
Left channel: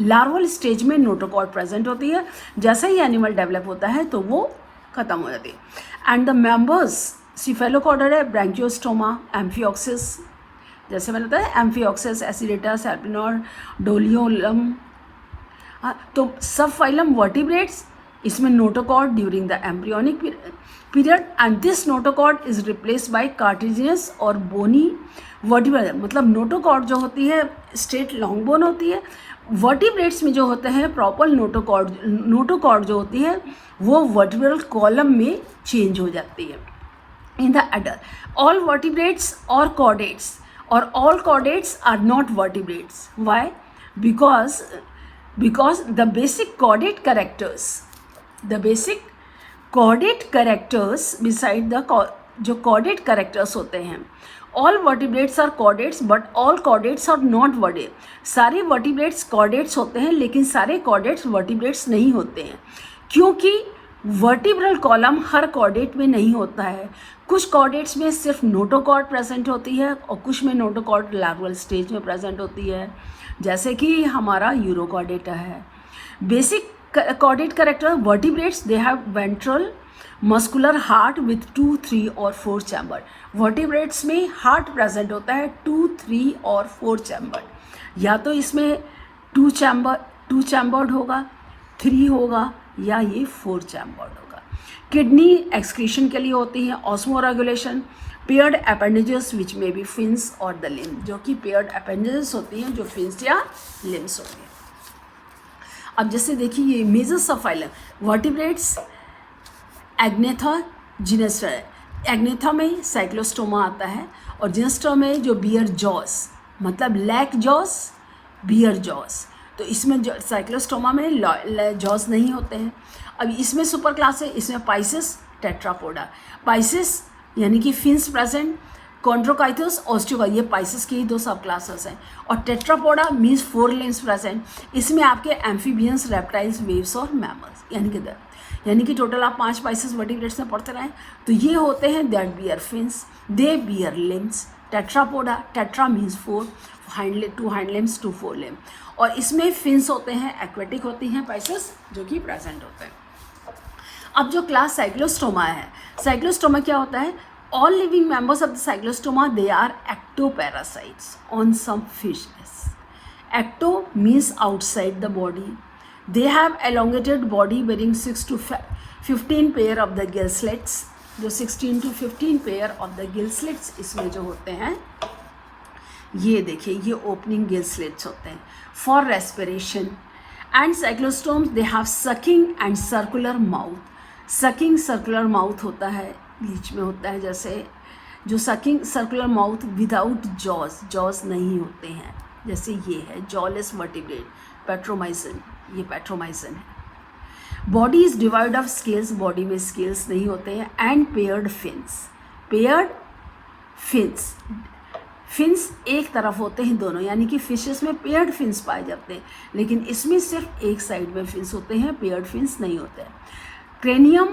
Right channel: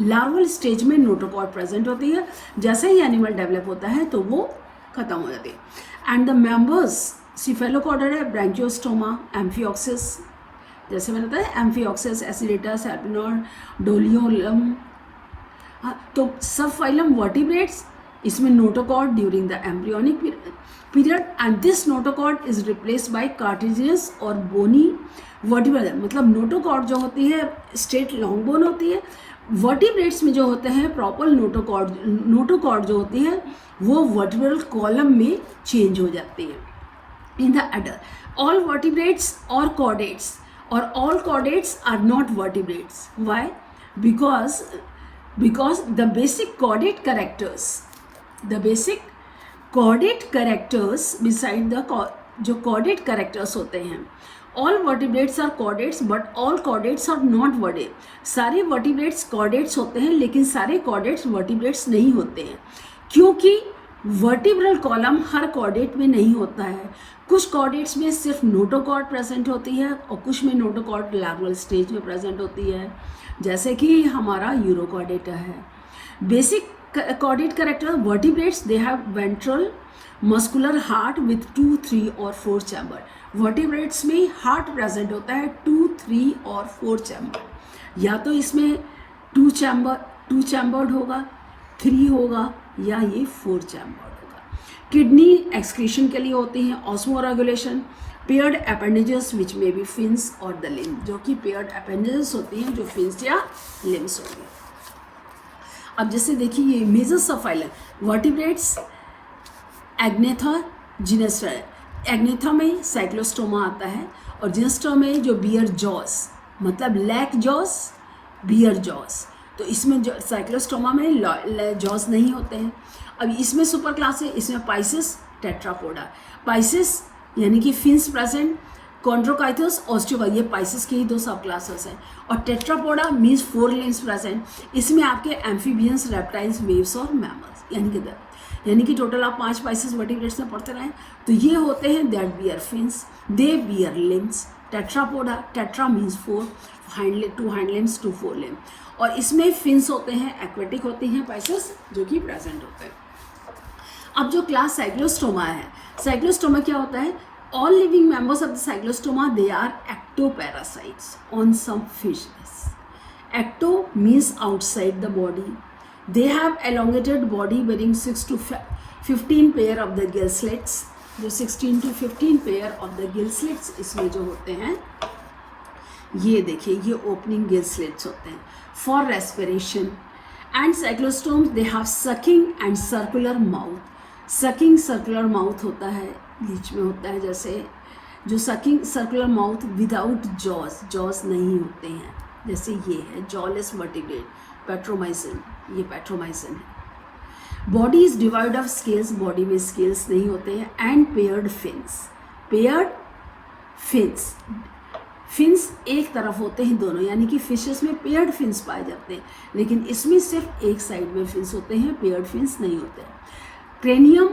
लार्वल स्टेज में नोटोकॉर्ड प्रेजेंट होती है. जैसे ही एनिमल डेवलप होता है तो वो खत्म हो जाती है. एंड द मेंबर्स सिफेलोकॉर्डर है ब्रांकियोस्टोमा, एम्फियोक्सिस, जैसे मैंने बताया एम्फियोक्सिस, एसिडेटा, सर्पिनोड, डोलियोलम. तो सब फाइलम वर्टिब्रेट्स, इसमें notochord during the embryonic period and this notochord is replaced by cartridges और बोनी वर्टिब्रेट. मतलब नोटोकॉर्ड जो होती है स्ट्रेट लॉन्ग बोन होती है. वर्टिब्रेट्स में जो होते हैं प्रॉपर नोटोकॉर्ड जो होती है वो वर्टिब्रल कॉलम में चेंज हो जाती है. In the adult all vertebrates और कॉर्डेट्स और all chordates are not vertebrates. Why? because the basic chordate characters beside the जो chordate characters होते हैं, all vertebrates are chordates but all chordates are not vertebrates. सारे vertebrates chordates होते हैं लेकिन सारे chordates vertebrates नहीं होते हैं क्योंकि वर्टिब्रल कॉलम हर कॉर्डेट में नहीं होता है. कुछ कॉर्डेट्स में सिर्फ नोटोकॉर्ड प्रेजेंट होती है और कुछ में नोटोकॉर्ड लार्वल स्टेज में प्रेजेंट होती है, जैसे कि हमारा यूरोकॉर्डेटा है. Basic chordate character vertebrates they have ventral muscular heart with 2, 3 और 4 चैम्बर. वर्टिब्रेट्स में हार्ट प्रेजेंट होता है 2, 3 और 4 चैम्बर. या तो इसमें 2 चैम्बर्ड होगा, 3 होगा या ये 4 चैम्बर्ड होगा. किडनी एक्सक्रीशन के लिए होती है. ऑस्मोरेगुलेशन, पेयर्ड अपेंडेजेस विच में बी फिन्स और द लिम्ब, जो कि पेयर्ड अपेंडेजेस होती हैं जो फिन्स या लिम्स होती हैं. अब जैसे देखिए ये images of phylum vertebrates. Agnatha जिनेस्टर है. एग्नेथा में साइक्लोस्टोमा आता है और जिनेस्टर में जो बियर जॉस मतलब लैक जॉस, बियर जॉस. तो इसमें साइक्लोस्टोमा में जॉस नहीं होते हैं. अब इसमें सुपर क्लास है, इसमें पाइसिस टेट्रापोडा. पाइसिस यानी कि फिन्स प्रेजेंट, कॉन्ड्रोकाइथस, ऑस्टियोगा, ये पाइसिस की ही 2 सब क्लासेस हैं. और टेट्रापोडा मीन्स 4 लिम्स प्रेजेंट. इसमें आपके एम्फीबियंस, रेप्टाइल्स, वेव्स और मैमल्स यानी कि टोटल आप 5 पाइसिस वर्टिब्रेट्स में पढ़ते रहें. तो ये होते हैं that bear fins, they bear limbs. Tetrapoda, tetra means 4, 2 hind limbs, 2 fore limbs. और इसमें फिन्स होते हैं, एक्वेटिक होती हैं पाइसिस जो कि प्रेजेंट होते हैं. अब जो क्लास साइक्लोस्टोमा है, साइक्लोस्टोमा क्या होता है? All living members of the cyclostoma they are ectoparasites on some fishes. Ecto means outside the body. They have elongated body bearing 6 to 15 pair of the gill slits. जो 16 to 15 pair of the gill slits इसमें जो होते हैं, ये देखिए ये opening gill slits होते हैं for respiration. And cyclostomes they have sucking and circular mouth. Sucking circular mouth होता है, बीच में होता है, जैसे जो sucking circular mouth without jaws नहीं होते हैं, जैसे ये है जॉलेस वर्टिब्रेट. पेट्रोमाइसिन, ये पेट्रोमाइसिन है. Body is divide of scales, body में स्केल्स नहीं होते हैं. एंड पेयर्ड फिन्स एक तरफ होते हैं दोनों, यानी कि फिशेस में पेयर्ड फिन्स पाए जाते हैं लेकिन इसमें सिर्फ एक साइड में फिन्स होते हैं, पेयर्ड फिन्स नहीं होते हैं. Cranium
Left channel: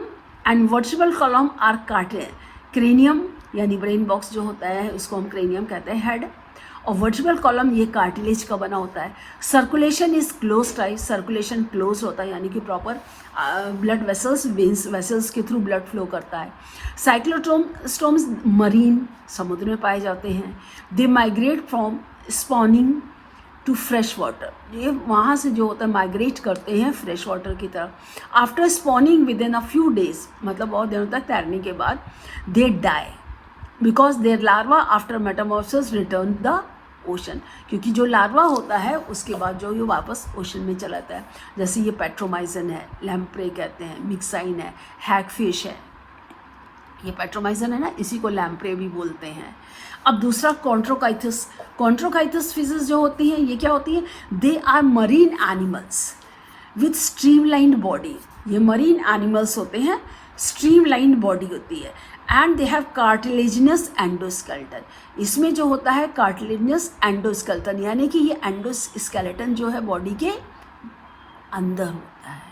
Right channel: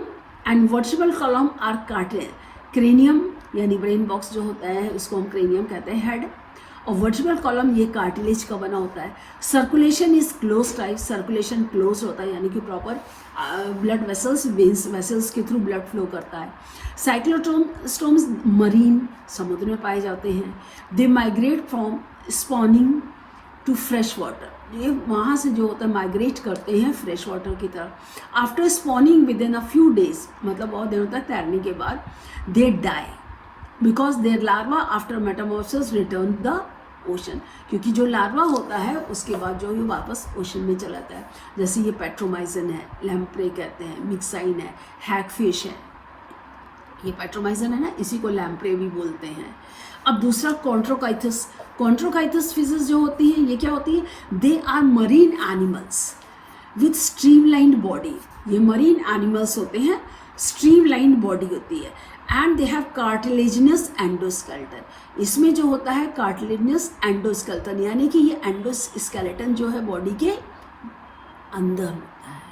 and vertebral column are cartilage. Cranium यानी ब्रेन बॉक्स जो होता है उसको हम क्रेनियम कहते हैं, हेड. और वर्टिब्रल कॉलम ये कार्टिलेज का बना होता है. Circulation is close type, circulation close होता है यानी कि प्रॉपर ब्लड वेसल्स, वेसल्स के थ्रू ब्लड फ्लो करता है. साइक्लोस्टोम्स मरीन, समुद्र में पाए जाते हैं. They migrate from spawning to fresh water, ये वहाँ से जो होता है माइग्रेट करते हैं फ्रेश वाटर की तरफ। After spawning within a few फ्यू डेज, मतलब बहुत दिनों तक तैरने के बाद, they die because their larva after metamorphosis return the ocean, क्योंकि जो लार्वा होता है उसके बाद जो ये वापस ओशन में चला जाता है। जैसे ये पेट्रोमाइजन है, लैम्प्रे कहते हैं, मिक्साइन है, हैगफिश है, ये पेट्रोमाइजन है ना, इसी को लैम्प्रे भी बोलते हैं। अब दूसरा कॉन्ट्रोकाइथस, कॉन्ट्रोकाइथस फिशेस जो होती हैं ये क्या होती है, they are marine animals with streamlined body, ये मरीन एनिमल्स होते हैं, स्ट्रीमलाइंड बॉडी होती है, and they have cartilaginous endoskeleton, इसमें जो होता है कार्टिलेजिनस एंडोस्केलेटन, यानी कि ये एंडोस्केलेटन जो है बॉडी के अंदर होता है।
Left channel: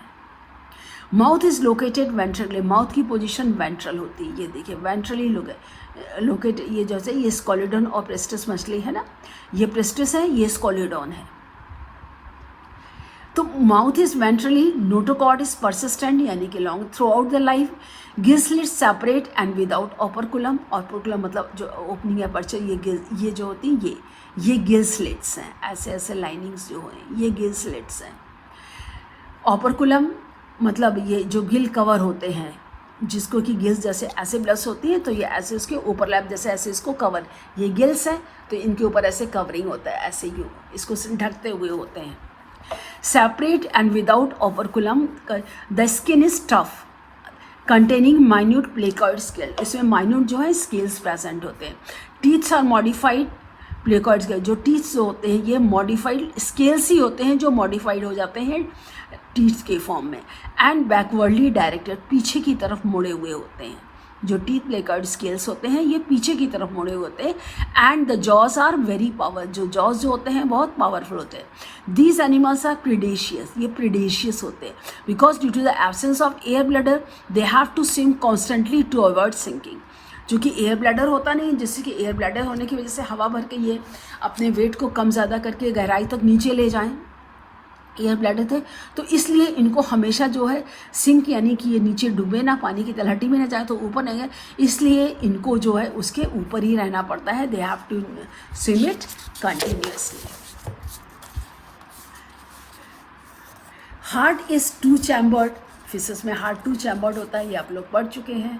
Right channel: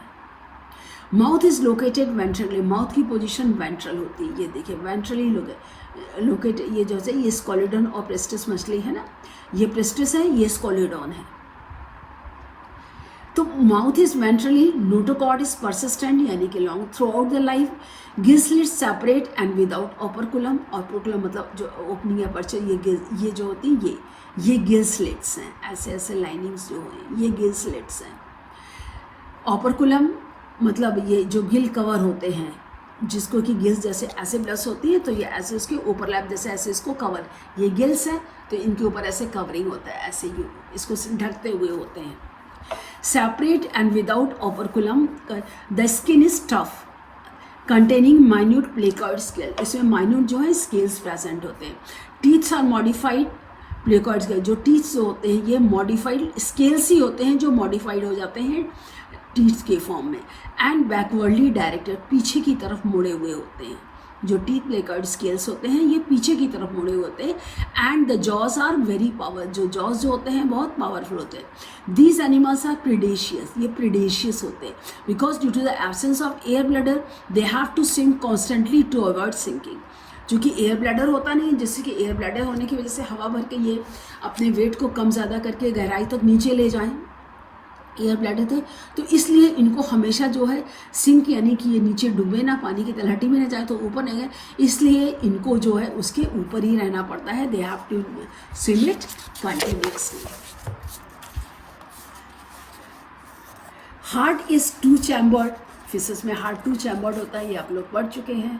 Mouth is located ventrally, mouth की पोजीशन वेंट्रल होती है, ये देखिए वेंट्रली लोकेट, ये जैसे ये स्कोलिडन और प्रेस्टिस मछली है ना, ये प्रेस्टिस है, ये स्कोलिडन है। तो mouth is ventrally, notochord is persistent यानी कि long through out the life, Gill slit separate and without operculum, operculum मतलब जो ओपनिंग है पर्चे, ये जो होती है ये गिल स्लिट्स हैं, ऐसे ऐसे लाइनिंग्स जो हैं ये गिल स्लिट्स हैं। ऑपरकुलम मतलब ये जो गिल कवर होते हैं, जिसको कि गिल्स जैसे ऐसे ब्लस होती है तो ये ऐसे उसके ओवरलैप जैसे ऐसे इसको कवर, ये गिल्स हैं तो इनके ऊपर ऐसे कवरिंग होता है, ऐसे ही इसको ढकते हुए होते हैं। Separate and without operculum, the skin is tough containing minute placoid scale, इसमें माइन्यूट जो है स्केल्स प्रेजेंट होते हैं। Teeths are modified, placoid scale जो टीथ्स होते हैं ये मॉडिफाइड स्केल्स ही होते हैं जो मॉडिफाइड हो जाते हैं टीथ के फॉर्म में, एंड बैकवर्डली डायरेक्टेड, पीछे की तरफ मुड़े हुए होते हैं, जो टीथ प्लेकॉइड स्केल्स होते हैं ये पीछे की तरफ मुड़े हुए होते हैं। And the jaws are very power, जो जॉज जो होते हैं बहुत पावरफुल होते हैं। दीज एनिमल्स आर प्रीडेशियस, ये प्रीडेशियस होते हैं because due to the absence of air bladder they have to swim constantly to avoid sinking, क्योंकि एयर ब्लैडर होता नहीं, जैसे कि एयर ब्लैडर होने की वजह से हवा भर के ये अपने वेट को कम ज़्यादा करके गहराई तक नीचे ले जाएं, एयर ब्लैडर थे, तो इसलिए इनको हमेशा जो है सिंक यानी कि ये नीचे डूबे ना, पानी की तलहटी में ना जाए तो ऊपर नहीं है, इसलिए इनको जो है उसके ऊपर ही रहना पड़ता है। They have to swim it continuously. Heart is two chambered, fishes में हार्ट टू चैम्बर्ड होता है, ये आप लोग पढ़ चुके हैं।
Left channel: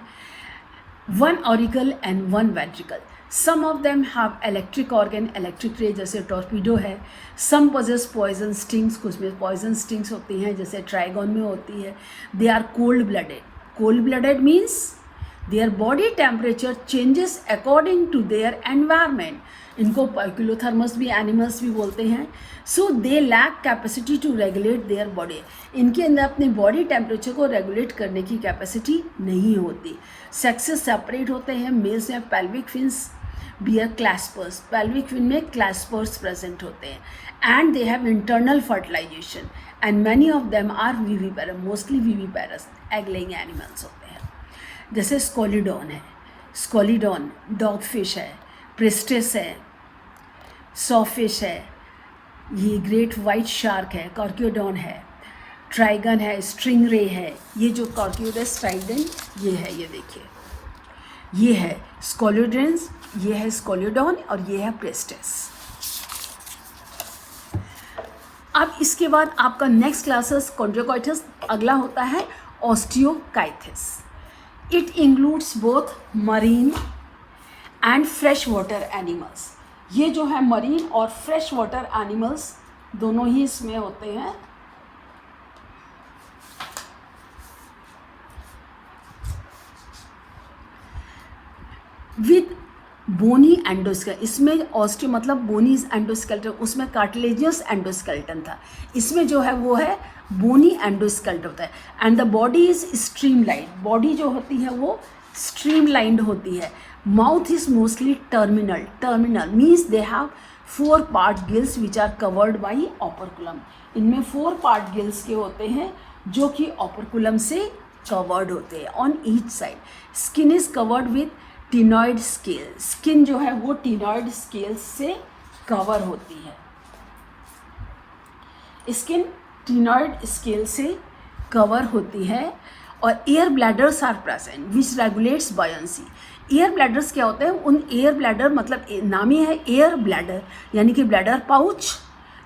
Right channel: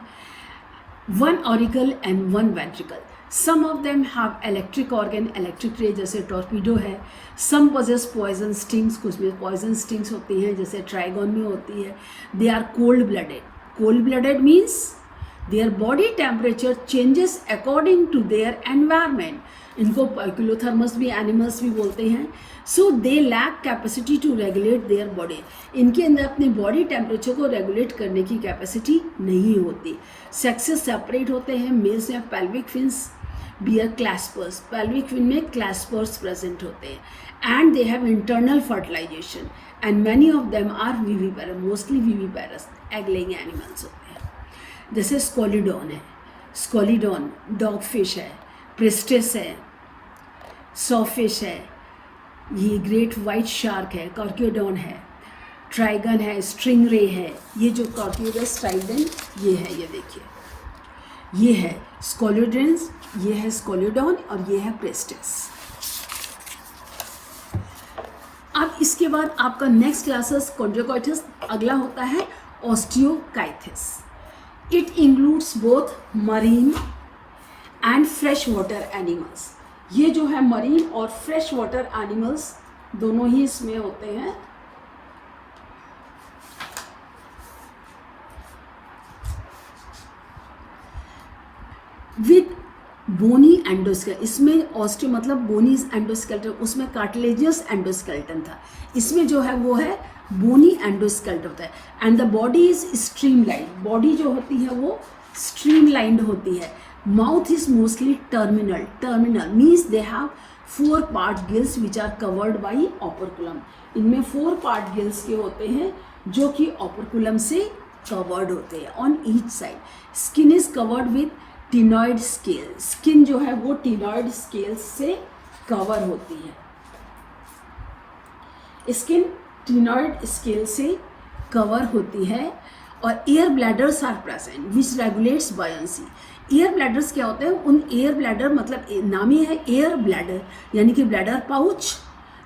One auricle and one ventricle, some of them have electric organ, electric ray जैसे टॉर्पीडो है। सम पोजेस पॉइजन स्टिंग्स, कुछ में पॉइजन स्टिंग्स होती हैं जैसे ट्राइगॉन में होती है। They are cold blooded, cold blooded means their body temperature changes according to their environment, इनको पाइक्लोथर्मस भी एनिमल्स भी बोलते हैं। So they lack capacity to regulate their body, इनके अंदर अपनी बॉडी टेम्परेचर को रेगुलेट करने की कैपेसिटी नहीं होती। सेक्सेस सेपरेट होते हैं, मेल्स में pelvic fins bear claspers, pelvic fin में क्लैस्पर्स प्रेजेंट होते हैं। And they have internal fertilisation and many of them are viviparous, mostly viviparous egg laying animals होते हैं। जैसे स्कोलिडॉन है, स्कोलिडॉन डॉग फिश है, प्रेस्टिस है, सॉफिश है, ये ग्रेट वाइट शार्क है, कॉर्क्योडॉन है, ट्राइगन है, स्ट्रिंग रे है, ये जो कॉर्क्यूडस ट्राइगन ये है, ये देखिए ये है स्कोलिडेंस, ये है स्कोलिडॉन और ये है प्रेस्टिस। अब इसके बाद आपका नेक्स्ट क्लासेस कॉन्ड्रोकाइटिस, अगला होता है Osteichthyes. It includes both marine and fresh water animals, ये जो है मरीन और फ्रेश वाटर एनिमल्स दोनों ही इसमें होते हैं। विद बोनी एंडोस्केलेटन, इसमें ऑस्टियो मतलब बोनी एंडोस्केलेटन, उसमें कार्टिलेजियस एंडोस्केलेटन था, इसमें जो है वो है बोनी एंडोस्केलेटन होता है। And the body is streamline, body जो होती है वो स्ट्रीमलाइंड होती है। Mouth is mostly terminal, terminal means they have 4 part gills which are covered by operculum, इनमें 4 पार्ट गिल्स के होते हैं जो कि ऑपरकुलम से कवर्ड होते हैं on each side. Skin is covered with ctenoid scale, skin जो है वो टिनॉइड स्केल से कवर होती है, स्किन टिनॉइड स्केल से कवर होती है। और air bladders are present which regulates buoyancy, air bladders क्या होते हैं, उन एयर ब्लैडर मतलब नाम ही है एयर ब्लैडर, यानी कि ब्लैडर पाउच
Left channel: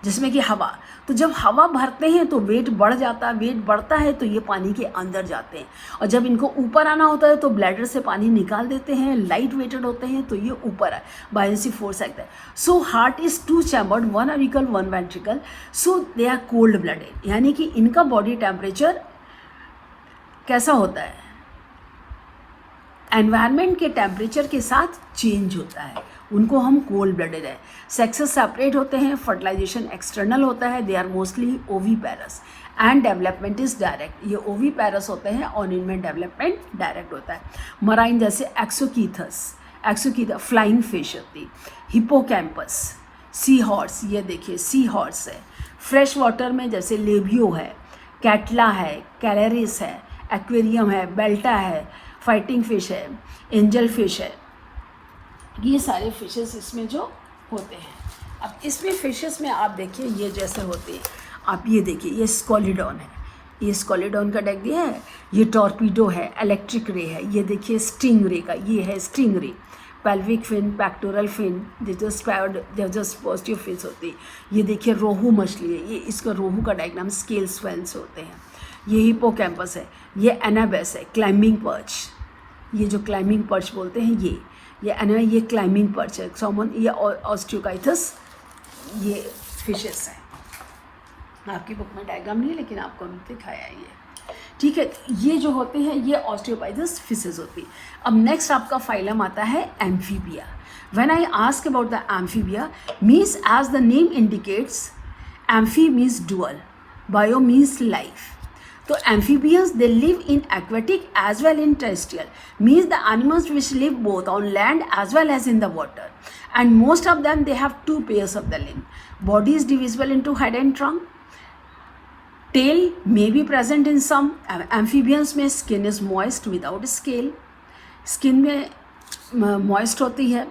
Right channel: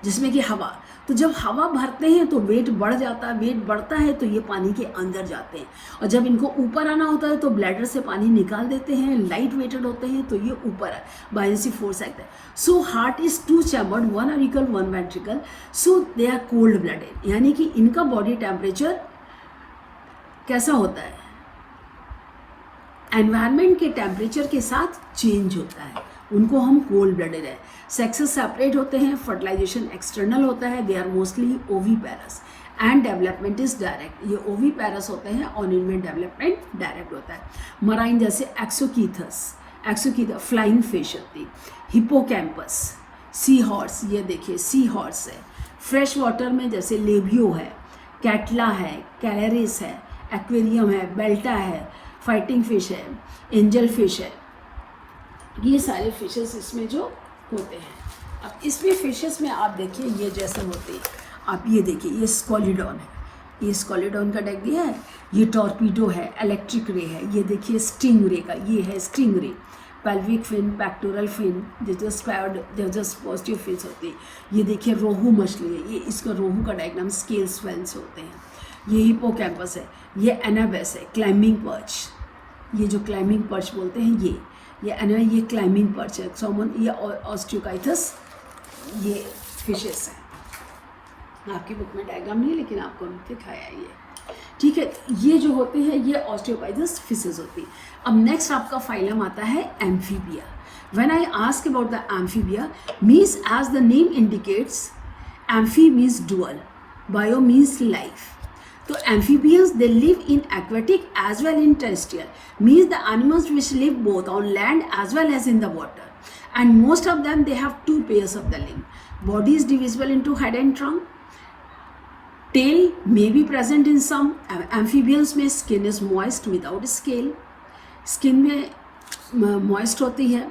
जिसमें कि हवा, तो जब हवा भरते हैं तो वेट बढ़ जाता है, वेट बढ़ता है तो ये पानी के अंदर जाते हैं, और जब इनको ऊपर आना होता है तो ब्लैडर से पानी निकाल देते हैं, लाइट वेटेड होते हैं तो ये ऊपर है, बायनेंसी फोर्स आता है। So heart is 2 chambered, 1 auricle 1 ventricle, so they are cold blooded, यानी कि इनका बॉडी टेम्परेचर कैसा होता है, एनवायरनमेंट के टेम्परेचर के साथ चेंज होता है, उनको हम कोल्ड ब्लडेड है। सेक्सेस सेपरेट होते हैं, फर्टिलाइजेशन एक्सटर्नल होता है, they are mostly oviparous and development is direct, ये ओवीपेरस होते हैं और इनमें डेवलपमेंट डायरेक्ट होता है। मराइन जैसे एक्सोकीथस फ्लाइंग फिश होती, हिपोकैम्पस, सी हॉर्स, ये देखिए सी हॉर्स है। फ्रेश वाटर में जैसे लेबियो है, कैटला है, कैरेरिस है, एक्वेरियम है, बेल्टा है, फाइटिंग फिश है, एंजल फिश है, ये सारे फिशेस इसमें जो होते हैं। अब इसमें फिशेस में आप देखिए ये जैसे होते हैं, आप ये देखिए ये स्कॉलिडॉन है, ये स्कॉलिडॉन का डेक दिया है, ये टॉर्पीडो है, इलेक्ट्रिक रे है, ये देखिए स्टिंग रे का, ये है sting ray, pelvic fin, pectoral fin, just positive fins होते हैं। ये देखिए रोहू मछली है, ये इसका रोहू का डायग्राम स्केल स्वेल्स होते हैं। ये हिपोकैम्पस है, ये एनाबेस है, क्लाइंबिंग पर्च, ये जो क्लाइंबिंग पर्च बोलते हैं ये क्लाइंबिंग पर्च है, सॉमन, ये ऑस्टियोकाइथस, ये फिशेस हैं। आपकी बुक में डायग्राम नहीं है लेकिन आपको दिखाया है ये, ठीक है। ये जो होते हैं ये ऑस्टियोकाइथस फिशेस होती है। अब नेक्स्ट आपका फाइलम आता है Amphibia. When I ask about the Amphibia, means as the name indicates, amphi means dual, bio means life. So amphibians, they live in aquatic as well in terrestrial, means the animals which live both on land as well as in the water, and most of them they have 2 pairs of the limb. Body is divisible into head and trunk. Tail may be present in some amphibians में skin is moist without scale, skin में moist होती है।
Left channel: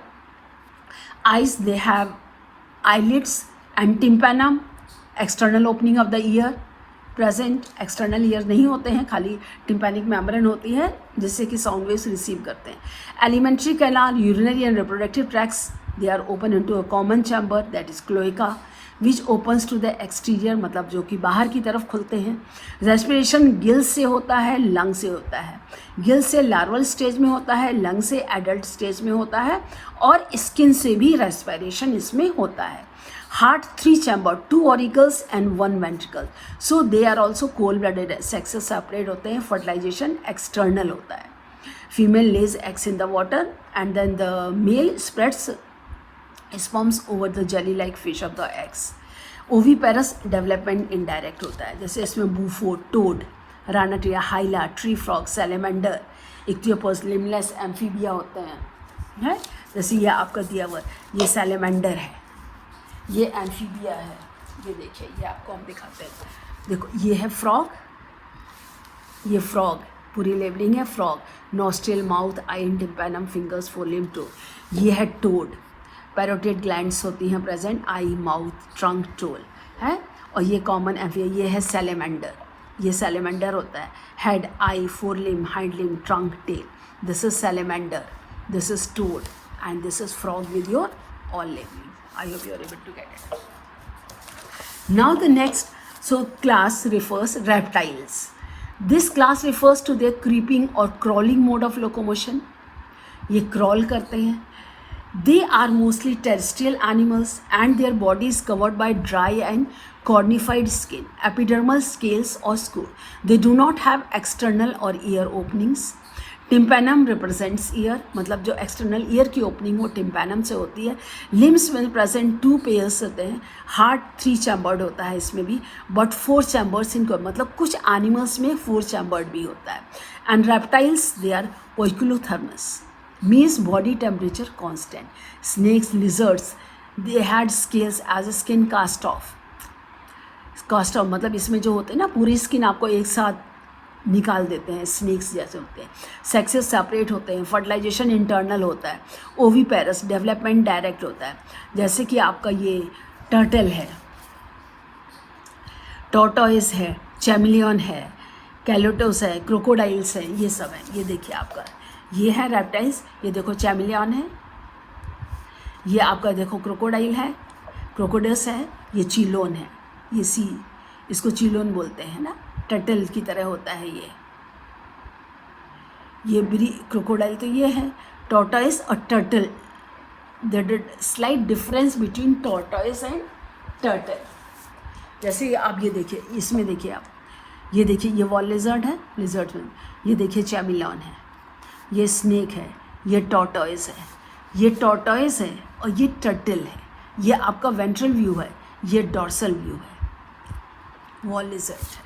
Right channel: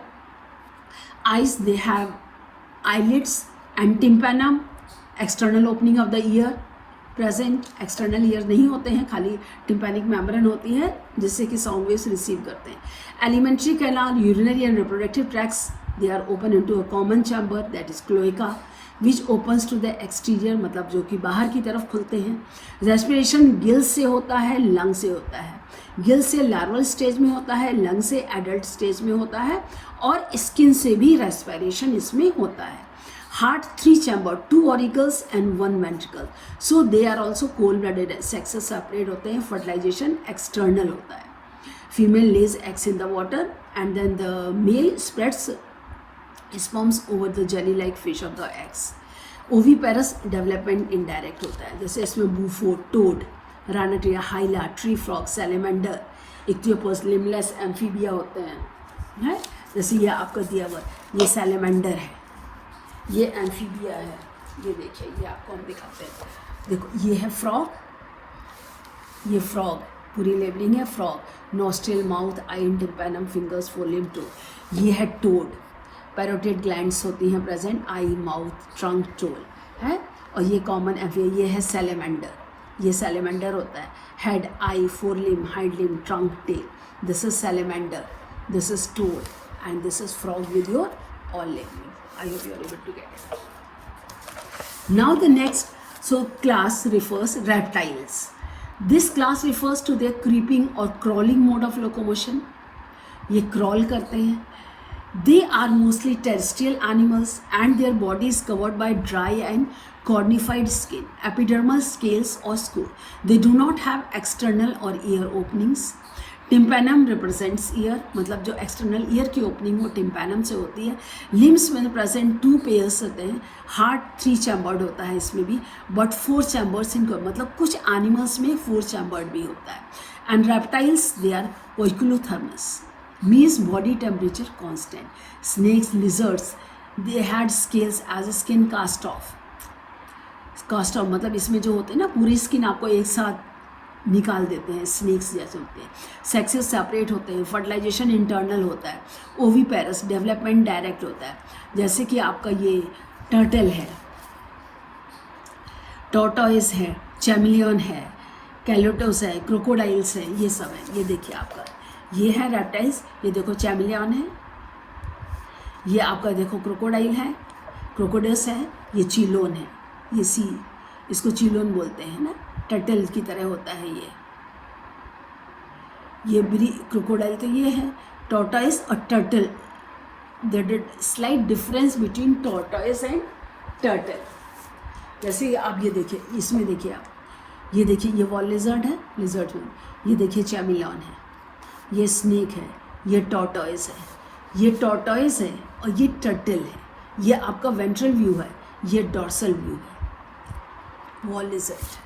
Eyes, they have eyelids and tympanum, external opening of the ear present, external ear नहीं होते हैं, खाली tympanic membrane होती है जिससे कि साउंड वेव्स रिसीव करते हैं। Alimentary canal, urinary and reproductive tracts, they are open into a common chamber that is cloaca which opens to the exterior, मतलब जो कि बाहर की तरफ खुलते हैं। रेस्पिरेशन गिल से होता है, लंग से होता है। गिल से लार्वल स्टेज में होता है, लंग से एडल्ट स्टेज में होता है, और स्किन से भी रेस्पिरेशन इसमें होता है। Heart 3 chamber, 2 auricles and 1 ventricle. So they are also cold blooded. Sexes separate होते हैं, fertilization external होता है। Female lays eggs in the water and then the male spreads sperms over the jelly like fish of the eggs. Oviparous development indirect होता है, जैसे इसमें bufo, toad, ranatia, hyla, tree frog, salamander, ichthyopus, limbless, amphibia होते हैं। जैसे ये आपका दिया हुआ ये salamander है, ये एम्फीबिया है, ये देखिए ये आपको हम दिखाते हैं। देखो ये है फ्रॉग, ये फ्रॉग पूरी लेबलिंग है, frog, nostril, mouth, eye, tympanum, fingers, fore toe. ये है टोड, पैरोटिड ग्लैंड्स होती हैं present, eye, mouth, trunk, tail है। और ये कॉमन एम्फीबिया, ये है सैलेमेंडर, ये सैलेमेंडर होता है, head, eye, fore limb, hind limb, trunk, tail, this is salamander, this is toad and this is frog with your all legs. I hope you are able to get it. Now the next class refers reptiles. This class refers to their creeping or crawling mode of locomotion. ये crawl करते हैं. They are mostly terrestrial animals and their body is covered by dry and cornified skin, epidermal scales or scute. They do not have external or ear openings. Tympanum represents year, मतलब जो external ear की opening वो tympanum से होती है। Limbs में present 2 pairs होते हैं। हार्ट 3 चैम्बर्ड होता है इसमें भी, बट 4 चैम्बर्स इनको, मतलब कुछ एनिमल्स में 4 चैम्बर्ड भी होता है। And reptiles, they are poikilotherms, means body temperature constant. Snakes, lizards, they had scales as skin cast off, मतलब इसमें जो होते हैं ना पूरी स्किन आपको एक साथ निकाल देते हैं, स्नेक्स जैसे होते हैं। सेक्सेस सेपरेट होते हैं, फर्टिलाइजेशन इंटरनल होता है। ओवीपेरस, डेवलपमेंट डायरेक्ट होता है। जैसे कि आपका ये टर्टल है, टॉर्टोइस है, चैमिलियन है, कैलोटोस है, क्रोकोडाइल्स है, ये सब है। ये देखिए आपका ये है रेप्टाइल्स, ये देखो चैमिलियन है, ये आपका देखो क्रोकोडाइल है, क्रोकोडस है, ये चीलोन है, ये सी, इसको चीलोन बोलते हैं ना, टर्टल की तरह होता है ये ब्री क्रोकोडाइल तो ये है, टॉर्टोइस और turtle, the slight difference between tortoise and turtle. जैसे आप ये देखिए, इसमें देखिए आप, ये देखिए ये वॉल लिजर्ड है, लिजर्ड में ये देखिए चैमिलियन है, ये स्नेक है, ये टॉर्टोइस है, ये टॉर्टोइस है और ये टर्टल है। ये आपका वेंट्रल व्यू है, ये डॉर्सल व्यू है, वॉल लिजर्ड।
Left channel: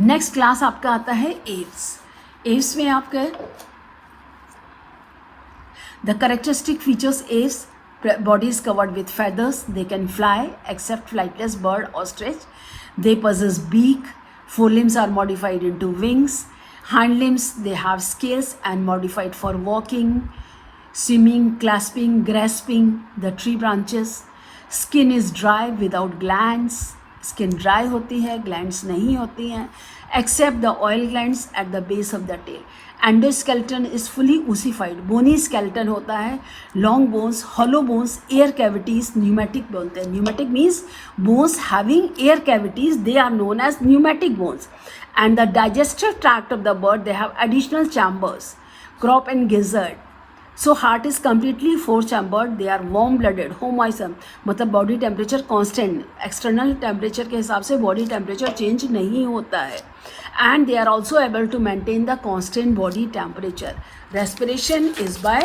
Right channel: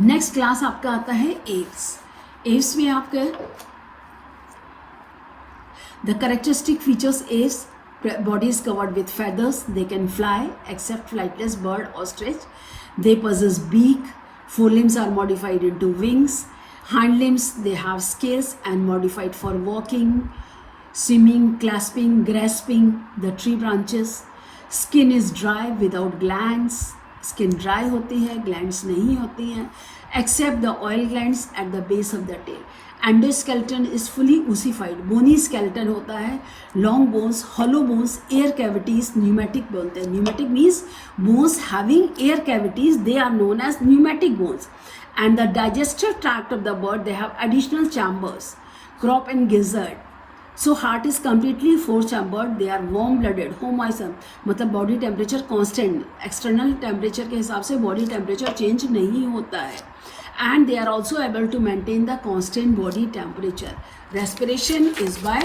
नेक्स्ट क्लास आपका आता है एव्स। एव्स में आपके the characteristic features Aves, body is covered with feathers, they can fly except flightless bird ostrich, they possess beak, forelimbs are modified into wings, hind limbs they have scales and modified for walking, swimming, clasping, grasping the tree branches, skin is dry without glands, skin dry होती है, glands नहीं होती हैं, except the oil glands at the base of the tail. Endoskeleton is fully ossified, bony skeleton होता है, long bones, hollow bones, air cavities, pneumatic बोलते हैं। Pneumatic means bones having air cavities, they are known as pneumatic bones. And the digestive tract of the bird, they have additional chambers, crop and gizzard. So heart is completely 4 chambered, they are warm blooded, होमोइसम, मतलब body temperature constant, external temperature के हिसाब से body temperature change नहीं होता है। And they are also able to maintain the constant body temperature. Respiration is by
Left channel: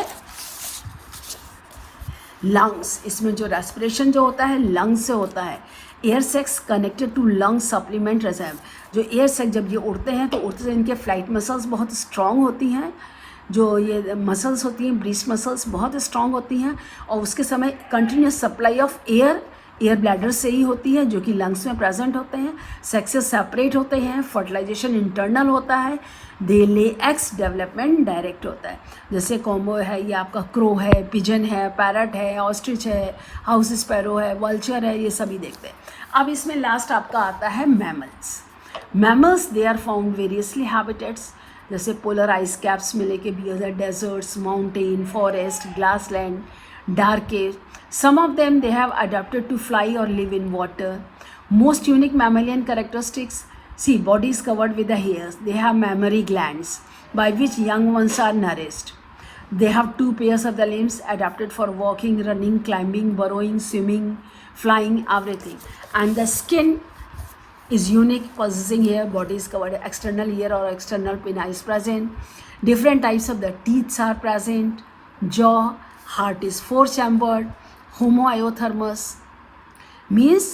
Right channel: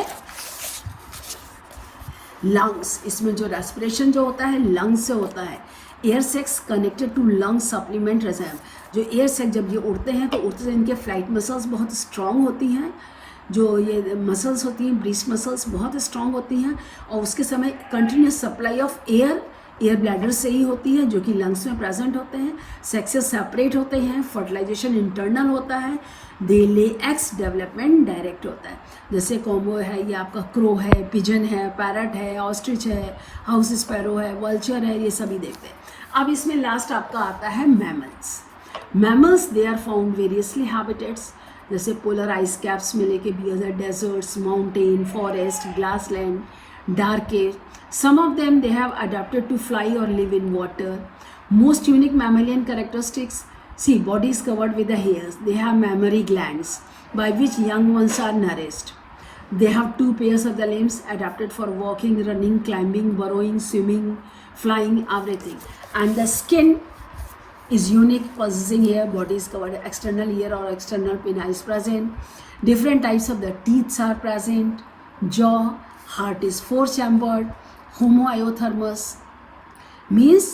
lungs. इसमें जो respiration जो होता है lungs से होता है। Air sacs connected to lung supplement reserve. जो air sac जब ये उड़ते हैं तो उड़ते हैं, इनके flight muscles बहुत strong होती हैं, जो ये muscles होती हैं breast muscles बहुत strong होती हैं, और उसके समय continuous supply of air air bladder से ही होती है, जो कि लंग्स में प्रेजेंट होते हैं। सेक्सेस सेपरेट होते हैं, फर्टिलाइजेशन इंटरनल होता है, दे ले एग्स, डेवलपमेंट डायरेक्ट होता है। जैसे कॉमो है, ये आपका क्रो है, पिजन है, पैरट है, ऑस्ट्रिच है, हाउस स्पैरो है, वल्चर है, ये सभी देखते हैं। अब इसमें लास्ट आपका आता है mammals. Mammals they are found variously habitats, जैसे पोलर आइस कैप्स में लेके bear, deserts, mountain, forest, grassland, dark air. Some of them they have adapted to fly or live in water. Most unique mammalian characteristics, see, body is covered with the hairs. They have mammary glands by which young ones are nourished. They have 2 pairs of the limbs adapted for walking, running, climbing, burrowing, swimming, flying, everything. And the skin is unique, possessing hair. Body is covered, external ear or external pinna is present. Different types of the teeth are present. Jaw, heart is 4 chambered. Homoiothermous means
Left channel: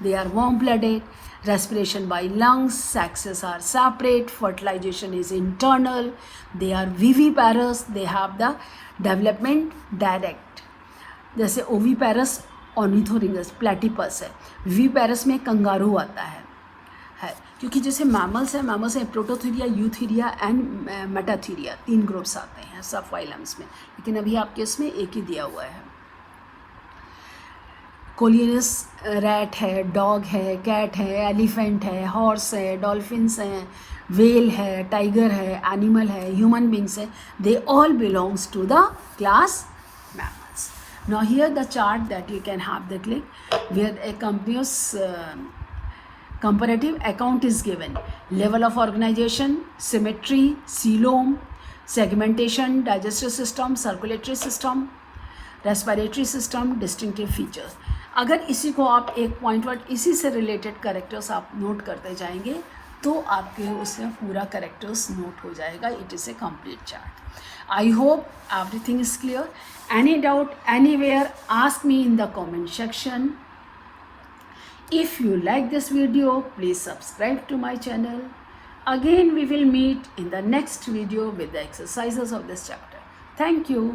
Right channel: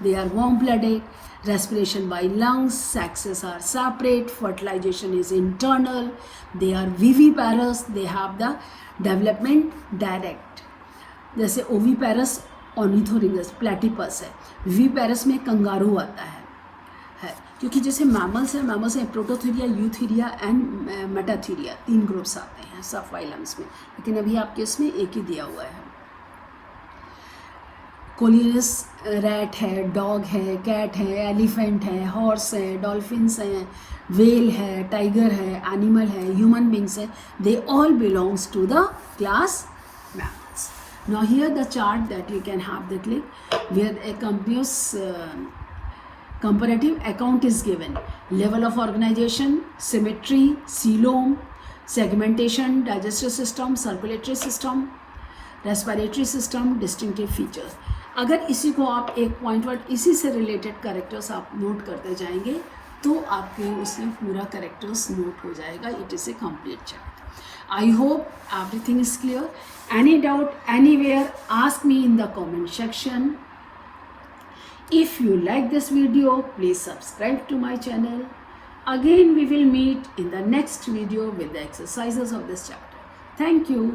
they are warm-blooded. Respiration by lungs. Sexes are separate. Fertilization is internal. They are viviparous. They have the development direct. जैसे oviparous ऑर्निथोरिंगस platypus है, viviparous में kangaroo आता है, क्योंकि जैसे mammals है, mammals है Prototheria, Eutheria and Metatheria, 3 groups आते हैं सब फाइलम्स में, लेकिन अभी आपके इसमें एक ही दिया हुआ है। कोलियस रैट है, डॉग है, कैट है, एलिफेंट है, हॉर्स है, डॉल्फिन्स हैं, वेल है, टाइगर है, एनिमल है, ह्यूमन बींग्स है, they all belongs to the class mammals. Now here the chart that you can have the click where a comparative account is given. Level of organization, symmetry, coelom, segmentation, digestive system, circulatory system, respiratory system, distinctive features. अगर इसी को आप एक point word इसी से related characters आप note करते जाएंगे तो आपके उसमें पूरा करेक्टर्स नोट हो जाएगा. It is a complete chart. I hope everything is clear. Any doubt anywhere, ask me in the comment section. If you like this video, please subscribe to my channel. Again, we will meet in the next video with the exercises of this chapter. Thank you.